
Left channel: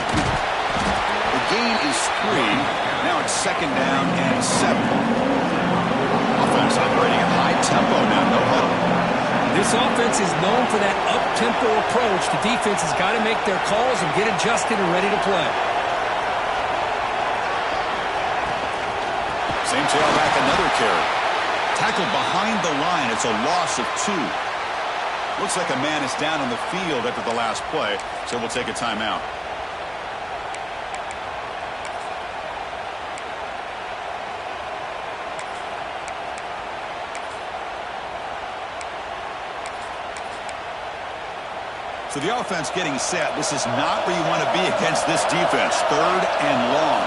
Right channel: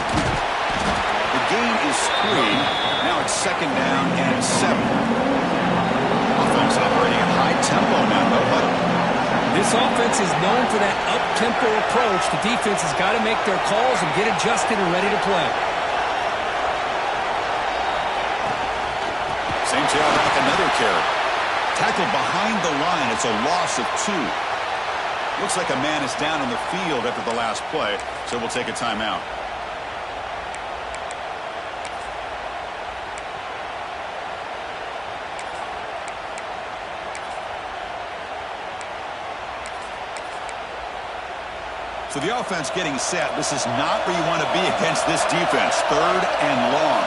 The gain is 3. Now it's 2nd down and 7. Offense operating at high tempo now, no huddle. This offense is known for that up-tempo approach. The defense has got to make their calls and get adjusted and ready to play. Same tailback, another carry. Tackled behind the line. It's a loss of 2. Looks like a man is down on the field after the last play, so we'll take a timeout. So the offense getting set. This is not where you want to be against this defense. 3rd and long.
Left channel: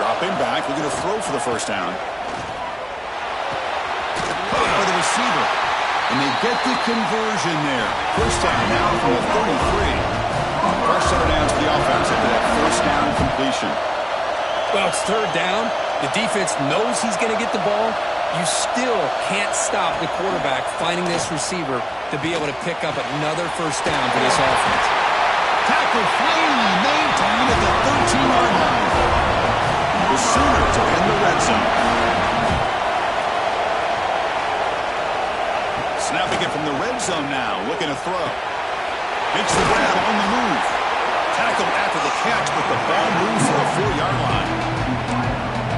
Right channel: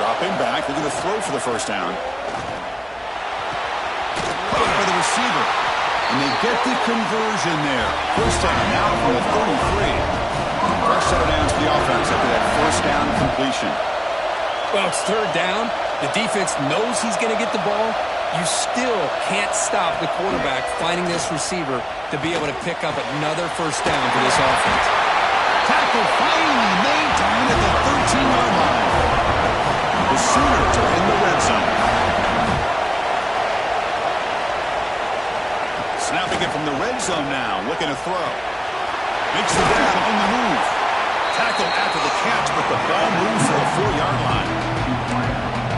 Dropping back. We're going to throw for the first down. Caught by the receiver. And they get the conversion there. First down now from the 33. Fresh set of downs for the offense after that first down completion. Well, it's 3rd down. The defense knows he's going to get the ball. You still can't stop the quarterback finding this receiver to be able to pick up another first down for this offense. Tackle finally made down at the 13-yard line. The Sooners are in the red zone. Snapping it from the red zone now, looking to throw. Makes the grab on the move. Tackled after the catch, but the ball moves to the 4-yard line.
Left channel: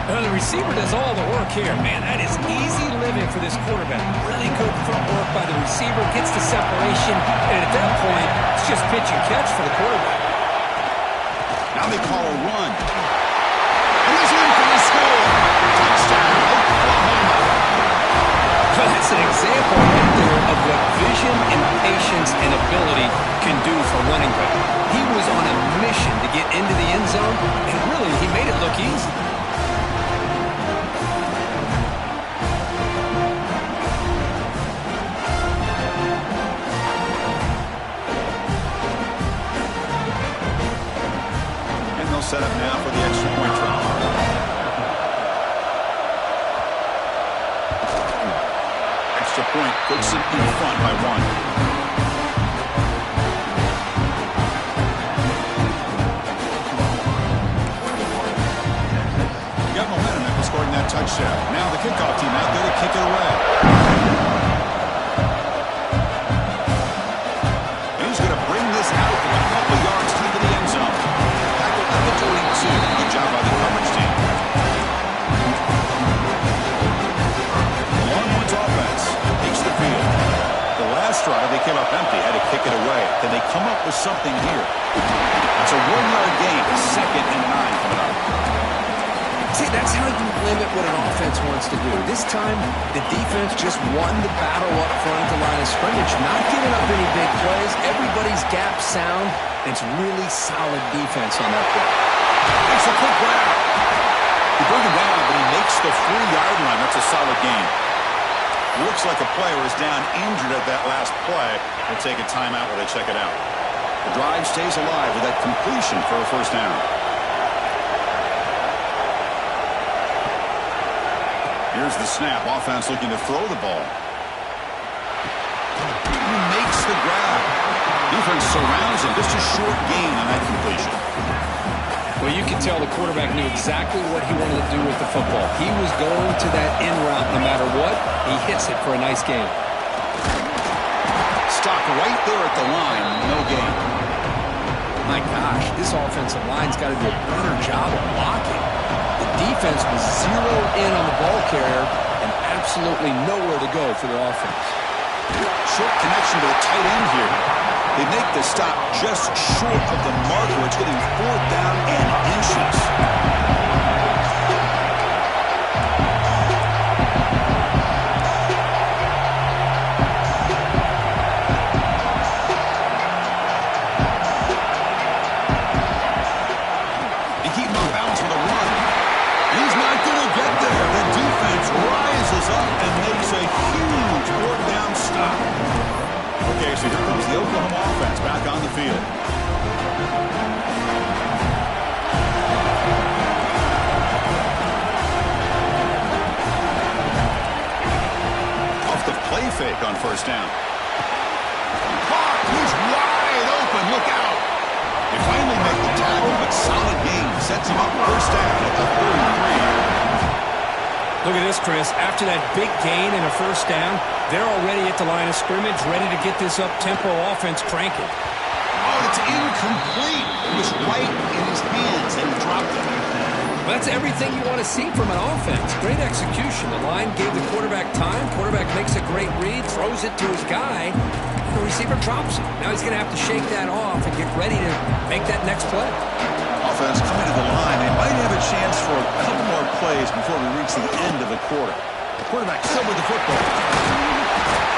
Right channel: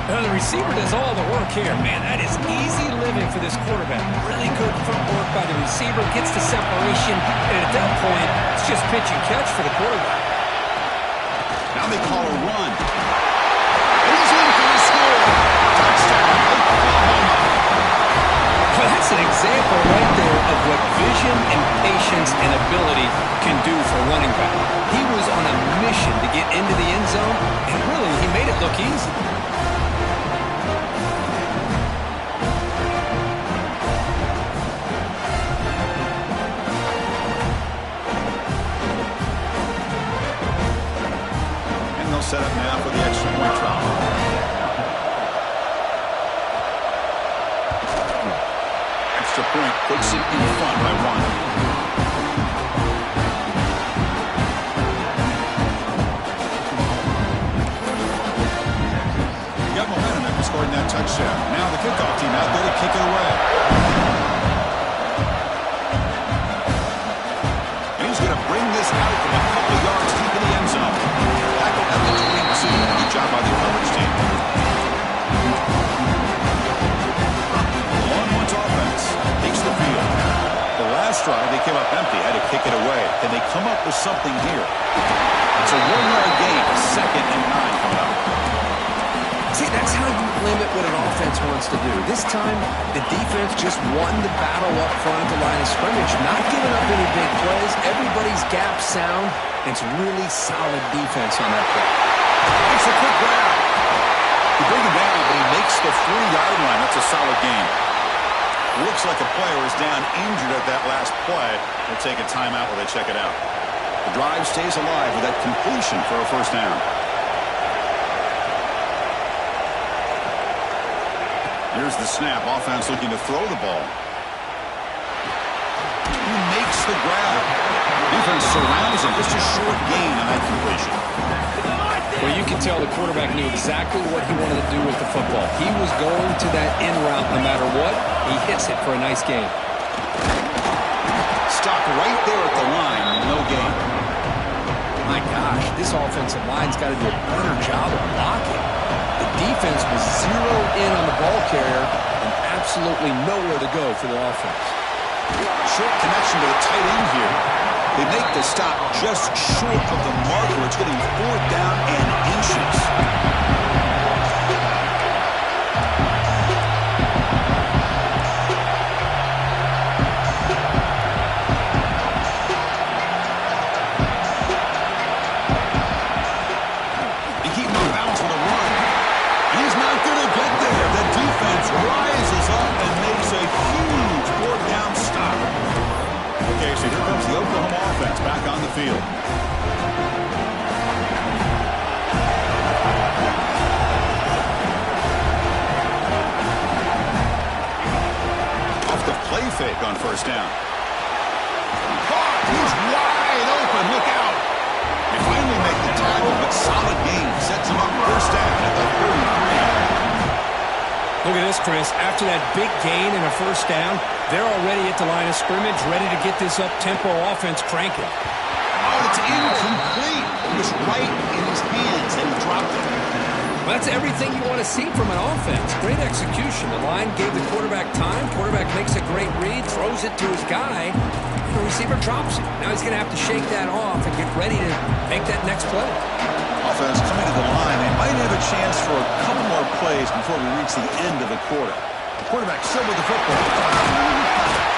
The receiver does all the work here. Man, that is easy living for this quarterback. Really good footwork by the receiver, gets the separation, and at that point, it's just pitch and catch for the quarterback. Now they call a run. And he's in for the score. Touchdown, Oklahoma. Well, that's an example right there of what vision and patience and ability can do for running back. He was on a mission to get into the end zone, and really, he made it look easy. they'll set up now for the extra point try. Extra point puts it in front by 1. Got momentum after scoring that touchdown. Now the kickoff team out there to kick it away. And he's going to bring this out from a couple of yards deep in the end zone. Tackle at the 22. Good job by the coverage team. The Longhorns offense takes the field. The last drive, they came up empty, had to kick it away. Can they come up with something here? It's a 1-yard gain, 2nd and 9 coming up. See, that's how you limit what an offense wants to do. This time, the defense just won the battle up front at the line of scrimmage, not giving up any big plays. Everybody's gap sound. It's really solid defense on that play. Makes a quick grab. He bring him down, but he makes the 3-yard line. That's a solid gain. Looks like a player is down injured at that last play. They'll take a timeout while they check it out. The drive stays alive with that completion for a first down. Here's the snap. Offense looking to throw the ball. He makes the grab. Defense surrounds him. Just a short gain on that completion. Well, you can tell the quarterback knew exactly what he wanted to do with the football. He was going to that in route no matter what. He hits it for a nice gain. Stop right there at the line. No gain. My gosh, this offensive line's got to do a better job of blocking. The defense was zeroed in on the ball carrier and absolutely nowhere to go for the offense. Short connection to the tight end here. They make the stop just short of the marker. It's getting 4th down and inches. They keep him on balance with a run. And he's not going to get there. The defense rises up and makes a huge 4th down stop. Okay, so here comes the Oklahoma offense back on the field. Off the play fake on first down. Caught! He's wide open. Look out! They finally make the tackle, but solid gain. Sets him up first down at the 33. Look at this, Chris. After that big gain and a first down, they're already at the line of scrimmage, ready to get this up-tempo offense cranking. Oh, it's incomplete. It was right in his hands, and he dropped it. Well, that's everything you want to see from an offense. Great execution. The line gave the quarterback time. Quarterback makes a great read, throws it to his guy, and the receiver drops it. Now he's going to have to shake that off and get ready to make that next play. Offense coming to the line. They might have a chance for a couple more plays before we reach the end of the quarter. The quarterback still with the football.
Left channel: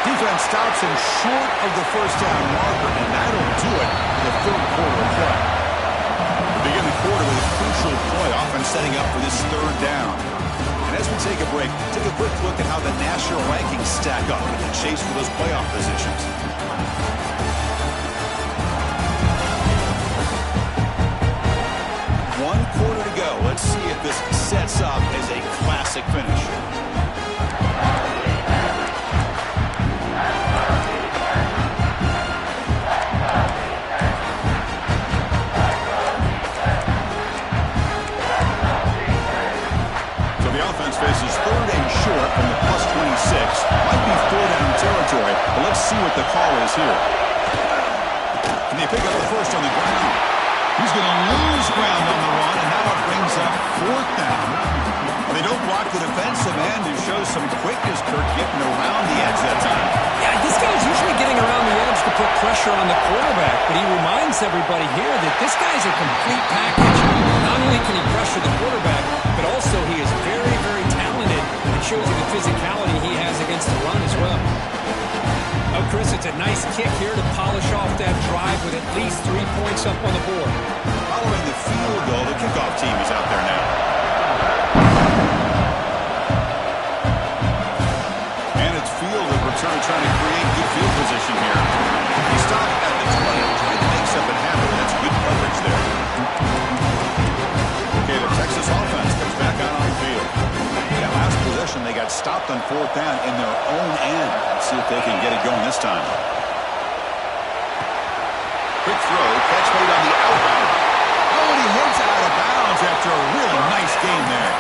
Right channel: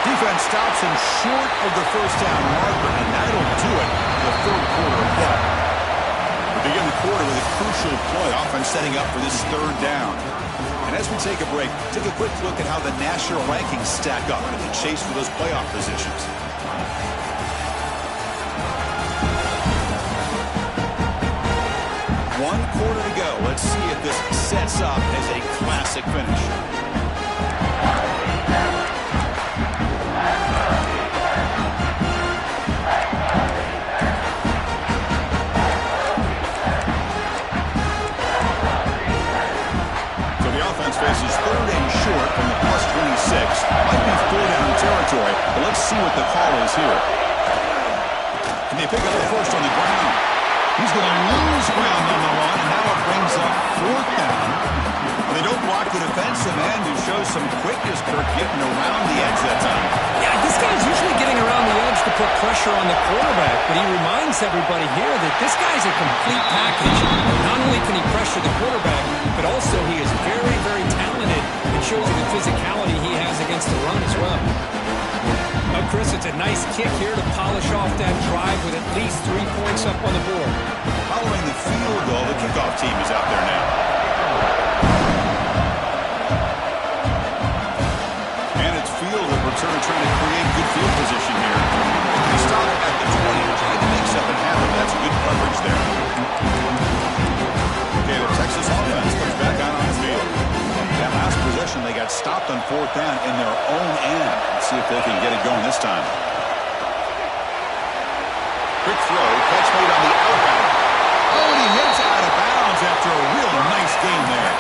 Defense stops him short of the first down marker, and that'll do it for the 3rd quarter of play. We begin the quarter with a crucial play. Offense setting up for this 3rd down. And as we take a break, take a quick look at how the national rankings stack up in the chase for those playoff positions. One quarter to go. Let's see if this sets up as a classic finish. So the offense faces 3rd and short from the +26. Might be 4-down territory, but let's see what the call is here. Can they pick up the first on the ground? He's going to lose ground on the run, and now it brings up 4th down. They don't block the defensive end, who shows some quickness, Kirk, getting around the edge that time. Yeah, this guy's usually getting around the edge to put pressure on the quarterback, but he reminds everybody here that this guy's a complete package. Not only can he pressure the quarterback, but also he is very, very talented and shows you the physicality he has against the run as well. Oh, Chris, it's a nice kick here to polish off that drive with at least 3 points up on the board. Following the field goal, the kickoff team is out there now. And it's field of return trying to create good field position here. They stop at the 20, trying to make something happen. That's good coverage there. possession, they got stopped on 4th down in their own end. Let's see if they can get it going this time. Quick throw, catch made on the outbound. Oh, and he hits out of bounds after a really nice gain there.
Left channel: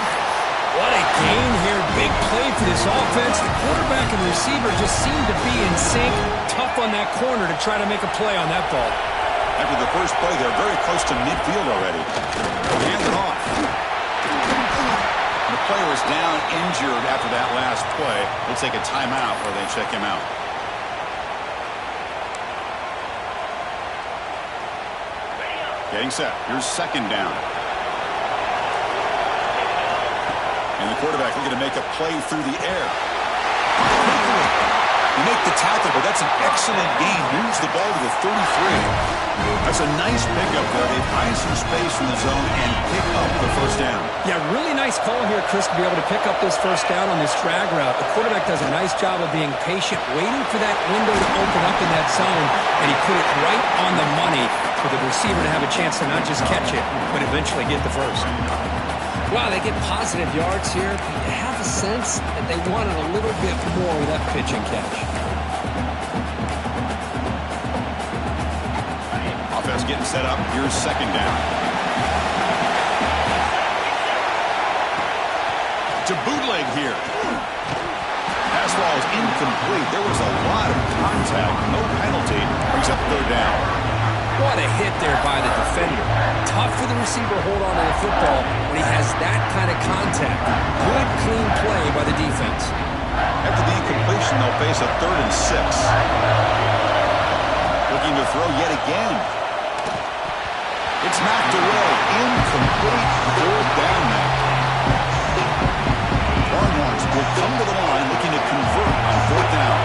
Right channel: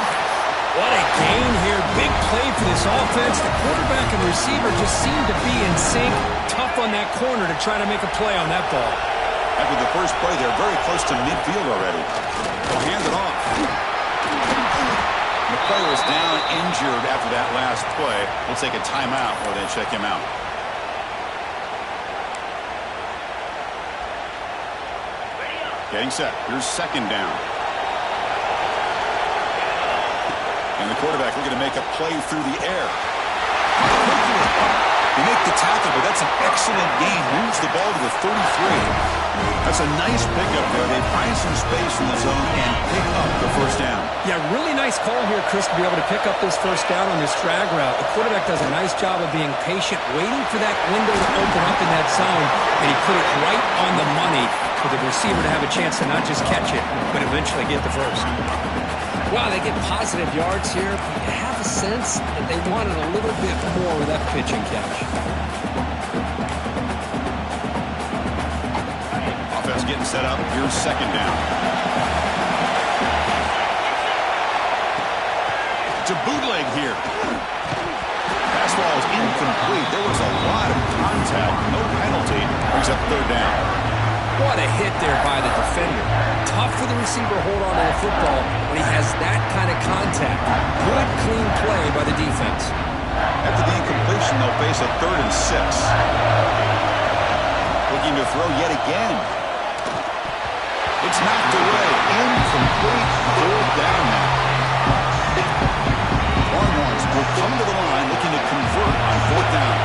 What a gain here. Big play for this offense. The quarterback and receiver just seem to be in sync. Tough on that corner to try to make a play on that ball. After the first play, they're very close to midfield already. They'll hand it off. The player is down injured after that last play. We'll take a timeout while they check him out. Getting set. Here's 2nd down. And the quarterback looking to make a play through the air. They make the tackle, but that's an excellent gain. Moves the ball to the 33. That's a nice pickup there. They find some space in the zone and pick up the 1st down. Yeah, really nice call here, Chris, to be able to pick up this 1st down on this drag route. The quarterback does a nice job of being patient, waiting for that window to open up in that zone, and he put it right on the money for the receiver to have a chance to not just catch it, but eventually get the 1st. Wow, they get positive yards here, but you have a sense that they wanted a little bit more with that pitch and catch. Offense getting set up. Here's 2nd down. To bootleg here. Pass ball is incomplete. There was a lot of contact. No penalty. Brings up 3rd down. What a hit there by the defender. Tough for the receiver to hold on to the football when he has that kind of contact. Good, clean play by the defense. After the incompletion, they'll face a 3rd and 6. Looking to throw yet again. It's knocked away. Incomplete. 4th down now. Longhorns will come to the line looking to convert on 4th down.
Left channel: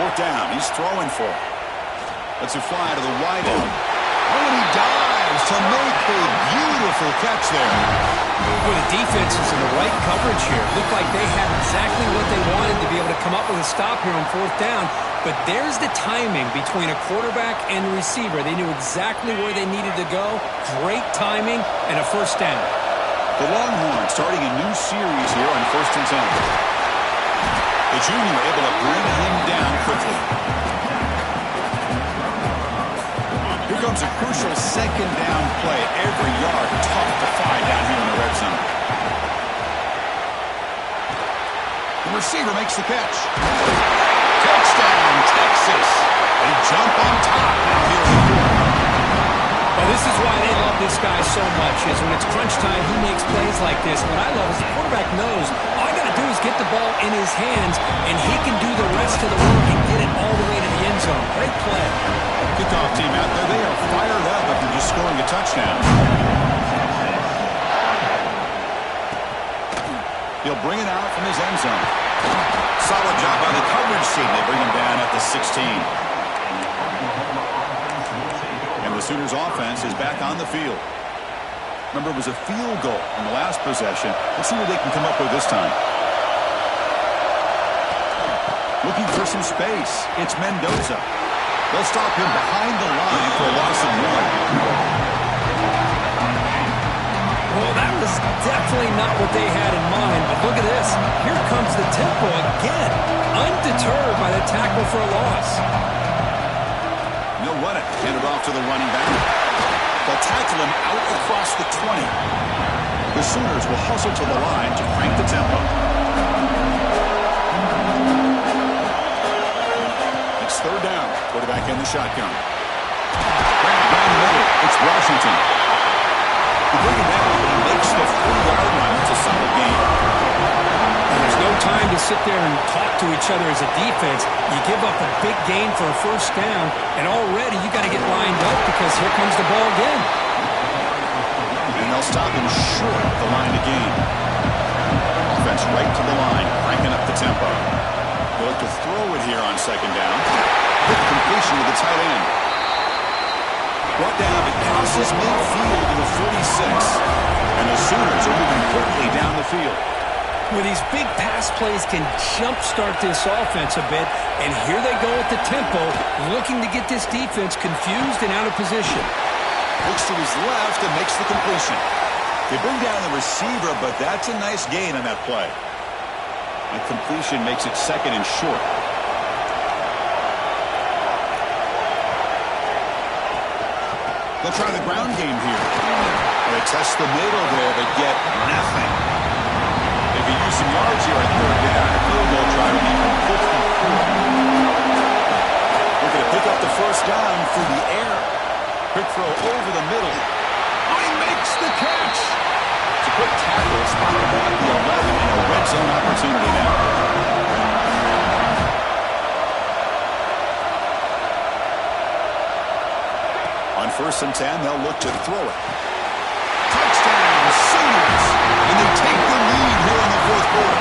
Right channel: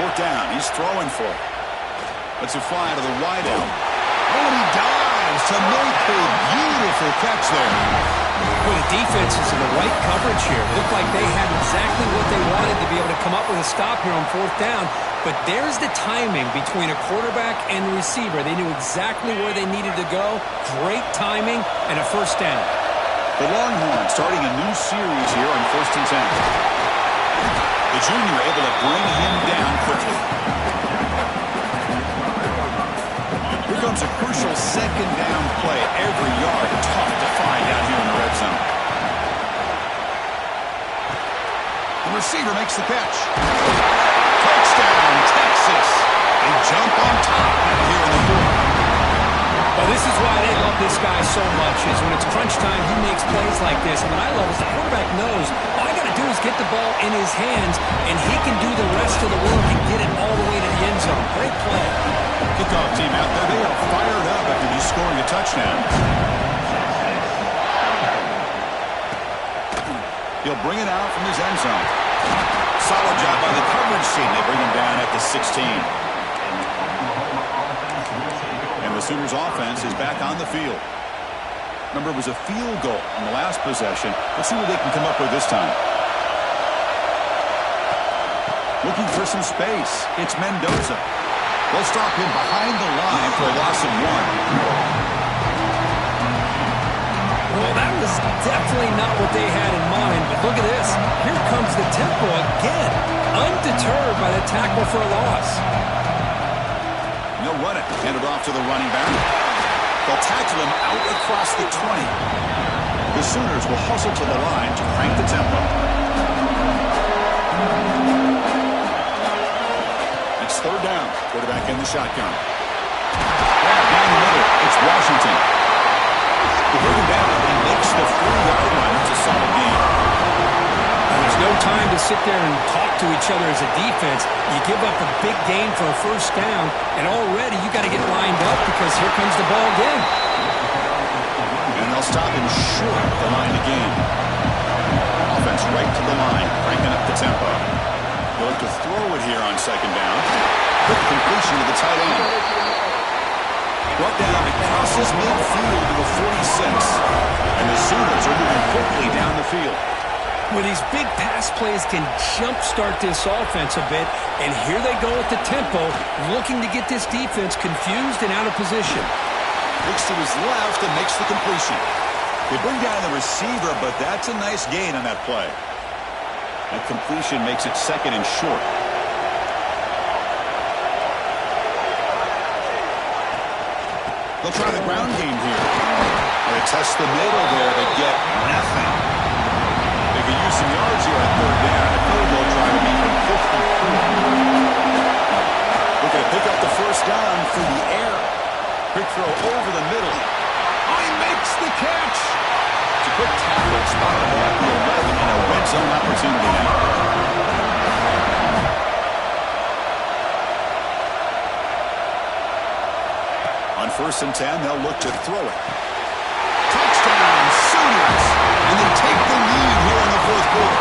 4th down. He's throwing for it. Lets it fly to the wide out. Oh, and he dives to make a beautiful catch there. Well, the defense is in the right coverage here. Looked like they had exactly what they wanted to be able to come up with a stop here on 4th down. But there's the timing between a quarterback and the receiver. They knew exactly where they needed to go. Great timing and a 1st down. The Longhorns starting a new series here on 1st and 10. The junior able to bring him down quickly. Here comes a crucial 2nd down play. Every yard tough to find down here in the red zone. The receiver makes the catch. Touchdown, Texas. They jump on top now here in the 4th. Well, this is why they love this guy so much, is when it's crunch time, he makes plays like this. And what I love is the quarterback knows all I got to do is get the ball in his hands, and he can do the rest of the work and get it all the way to the end zone. Great play. Kickoff team out there, they are fired up after just scoring a touchdown. He'll bring it out from his end zone. Solid job by the coverage team. They bring him down at the 16. And the Sooners offense is back on the field. Remember, it was a field goal on the last possession. Let's see what they can come up with this time. Looking for some space. It's Mendoza. They'll stop him behind the line for a loss of 1. Well, that was definitely not what they had in mind, but look at this. Here comes the tempo again, undeterred by the tackle for a loss. They'll run it. Hand it off to the running back. They'll tackle him out across the 20. The Sooners will hustle to the line to crank the tempo. It's 3rd down. Quarterback in the shotgun. Grab down the middle. It's Washington. They bring him down, but he makes the 40-yard line. It's a solid game. And there's no time to sit there and talk to each other as a defense. You give up a big gain for a 1st down, and already you got to get lined up because here comes the ball again. And they'll stop him short of the line of game. Offense right to the line, cranking up the tempo. They'll look to throw it here on 2nd down. Quick completion to the tight end. Brought down, it crosses midfield to the 46. And the Sooners are moving quickly down the field. Well, these big pass plays can jumpstart this offense a bit, and here they go at the tempo, looking to get this defense confused and out of position. Looks to his left and makes the completion. They bring down the receiver, but that's a nice gain on that play. That completion makes it second and short. They'll try the ground game here. They test the middle there, but get nothing. They could use some yards here on third down. A field goal try would be from 54. Looking to pick up the first down through the air. Quick throw over the middle. Oh, he makes the catch. It's a quick tackle. Spot the ball at the 11 and a red zone opportunity now. On 1st and 10, they'll look to throw it. Touchdown, Sooners. And they take the lead here in the fourth quarter.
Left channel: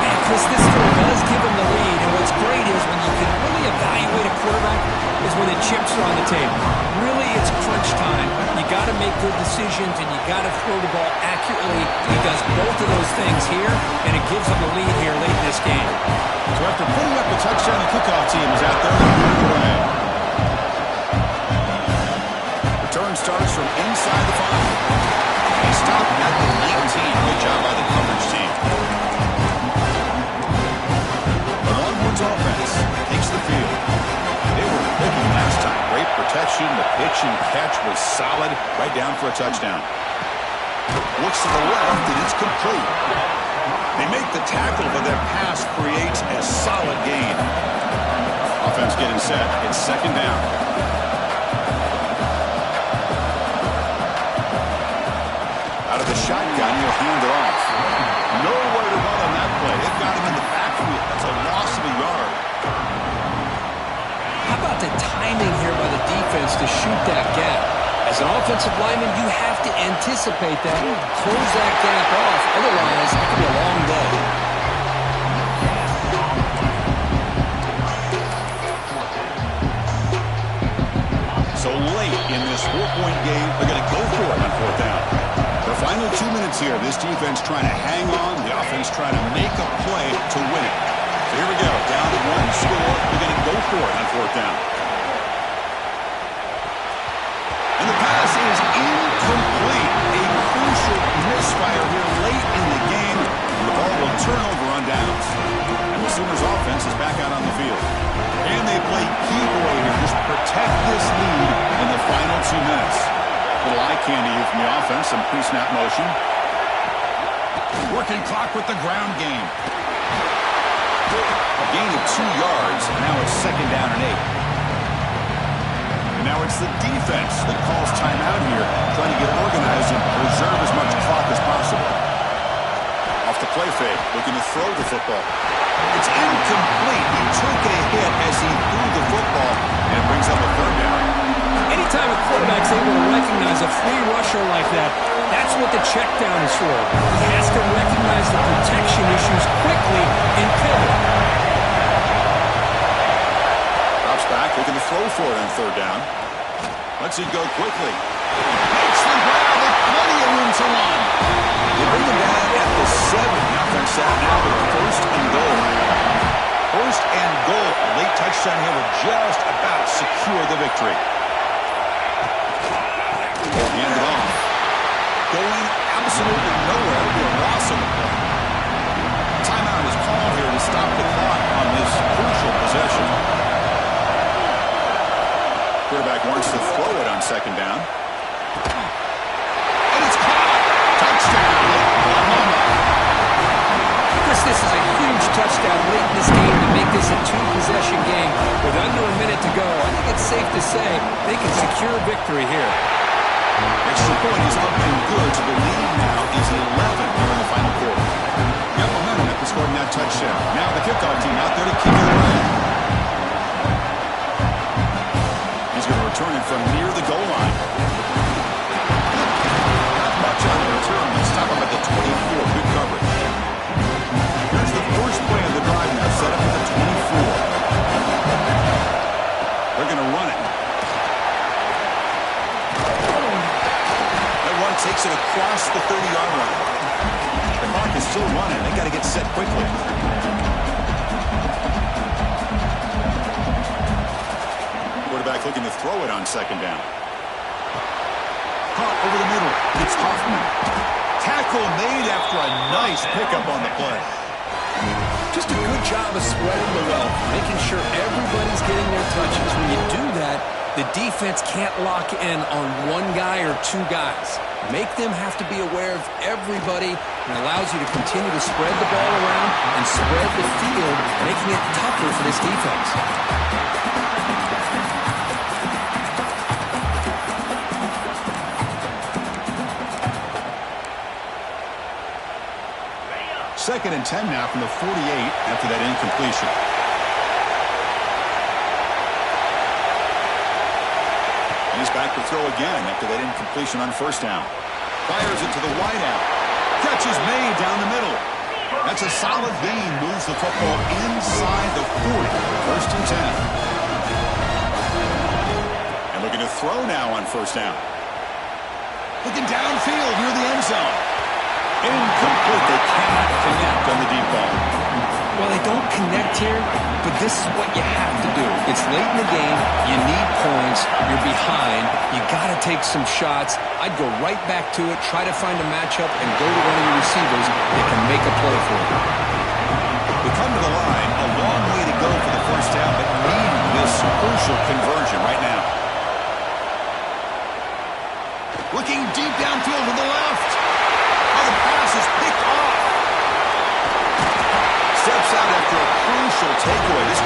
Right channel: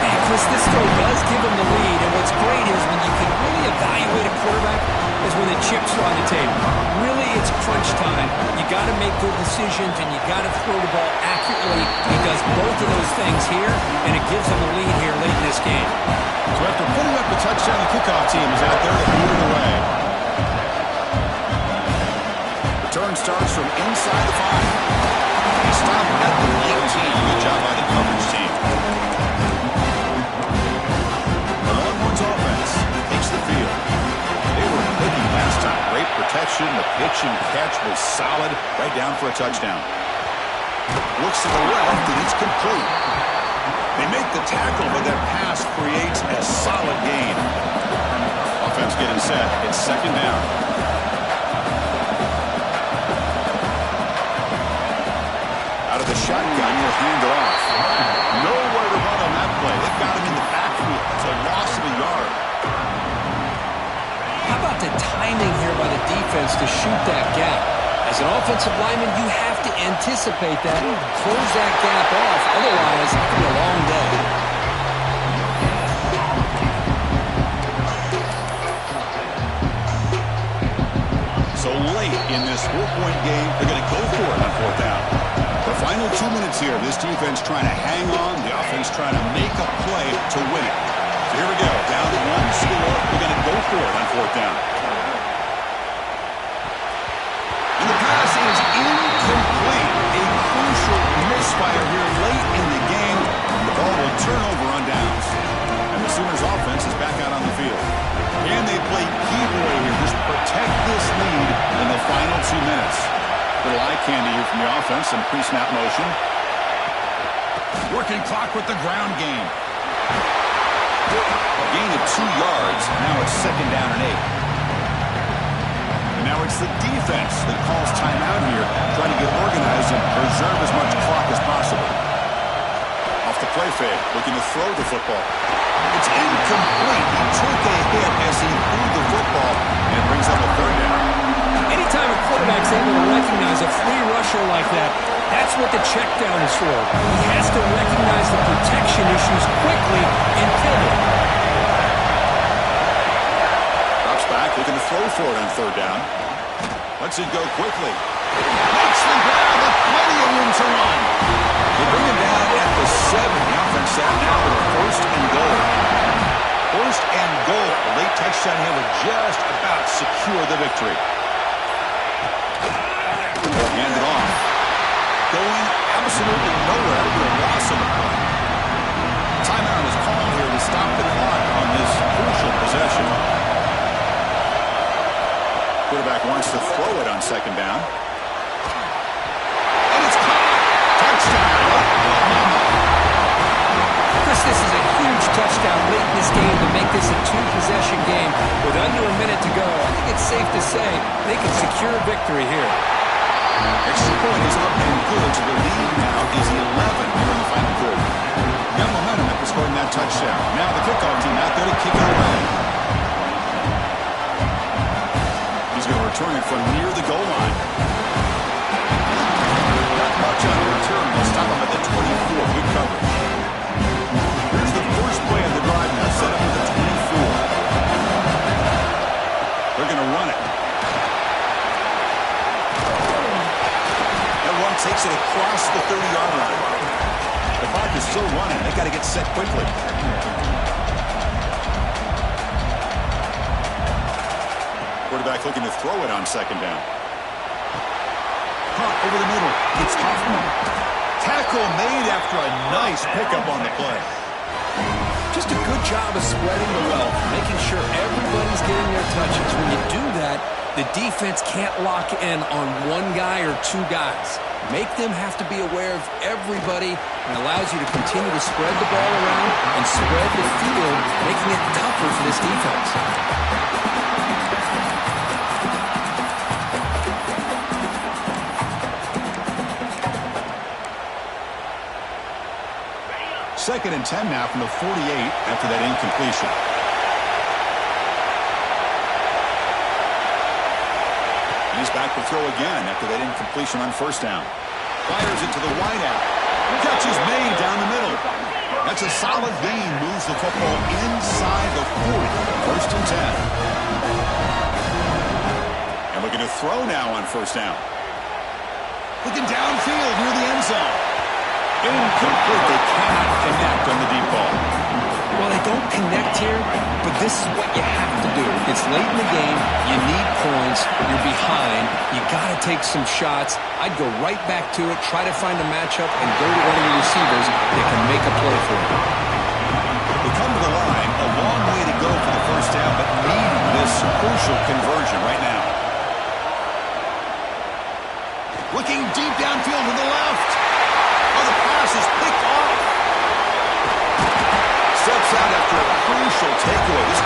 Hey, Chris, this throw does give them the lead, and what's great is when you can really evaluate a quarterback is when the chips are on the table. Really, it's crunch time. You got to make good decisions, and you got to throw the ball accurately. He does both of those things here, and it gives them a lead here late in this game. So after putting up a touchdown, the kickoff team is out there to boot it away. Return starts from inside the 5. He stopped at the 19. Good job by the coverage team. The Longhorns offense takes the field. They were clicking last time. Great protection. The pitch and catch was solid. Right down for a touchdown. Looks to the left, and it's complete. They make the tackle, but that pass creates a solid gain. Offense getting set. It's second down. Out of the shotgun, you'll hand it off. Nowhere to run on that play. They've got him in the backfield. That's a loss of a yard. How about the timing here by the defense to shoot that gap? As an offensive lineman, you have to anticipate that, close that gap off. Otherwise, it could be a long day. So late in this 4-point game, they're going to go for it on fourth down. The final 2 minutes here, this defense trying to hang on, the offense trying to make a play to win it. So here we go, down 1 score, they're going to go for it on fourth down. And the pass is incomplete. A crucial misfire here late in the game. The ball will turn over on downs. And the Sooners offense is back out on the field. And they play key boy here. Just protect this lead in the final 2 minutes. Little eye candy here from the offense. Some pre-snap motion. Working clock with the ground game. A gain of 2 yards. Now it's second down and 8. And now it's the defense that calls timeout here, trying to get organized and preserve as much clock as possible. Off the play fake, looking to throw the football. It's incomplete. He took a hit as he threw the football, and it brings up a third down. Anytime a quarterback's able to recognize a free rusher like that, that's what the check down is for. He has to recognize the protection issues quickly and pivot. Drops back, looking to throw for it on third down. Lets it go quickly. Makes the grab with plenty of room to run. They bring him down at the 7. The offense set now with a 1st and goal. 1st and goal. A late touchdown here would just about secure the victory. Hand it off. Going absolutely nowhere. It'll be a loss of the play. Timeout is called here to stop the clock on this crucial possession. Quarterback wants to throw it on second down. And it's caught. Touchdown, Oklahoma. Chris, this is a huge touchdown late in this game to make this a 2-possession game with under a minute to go. I think it's safe to say they can secure a victory here. Extra point is up and good, so the lead now is 11 here in the final quarter. Got momentum after scoring that touchdown. Now the kickoff team out there to kick it away. He's going to return it from near the goal line. Not much on the return. They'll stop him at the 24. Good coverage. Here's the first play of the drive now, set up at the 24. They're going to run it. That run takes it across the 30-yard line. The clock is still running. They got to get set quickly. Quarterback looking to throw it on second down. punt over the middle. It's Hoffman. Tackle made after a nice pickup on the play. Just a good job of spreading the wealth, making sure everybody's getting their touches. When you do that, the defense can't lock in on one guy or two guys. Make them have to be aware of everybody, and allows you to continue to spread the ball around and spread the field, making it tougher for this defense. Second and 10 now from the 48 after that incompletion. And he's back to throw again after that incompletion on first down. Fires it to the wideout. Catch is made down the middle. That's a solid gain. Moves the football inside the 40. First and 10. And looking to throw now on first down. Looking downfield near the end zone. Incomplete. They cannot connect on the deep ball. Well, they don't connect here, but this is what you have to do. It's late in the game. You need points. You're behind. You got to take some shots. I'd go right back to it, try to find a matchup, and go to one of your receivers that can make a play for you. We come to the line. A long way to go for the first down, but need this crucial conversion right now. Looking deep downfield to the left. Oh, the pass is picked off. Steps out after a crucial takeaway. This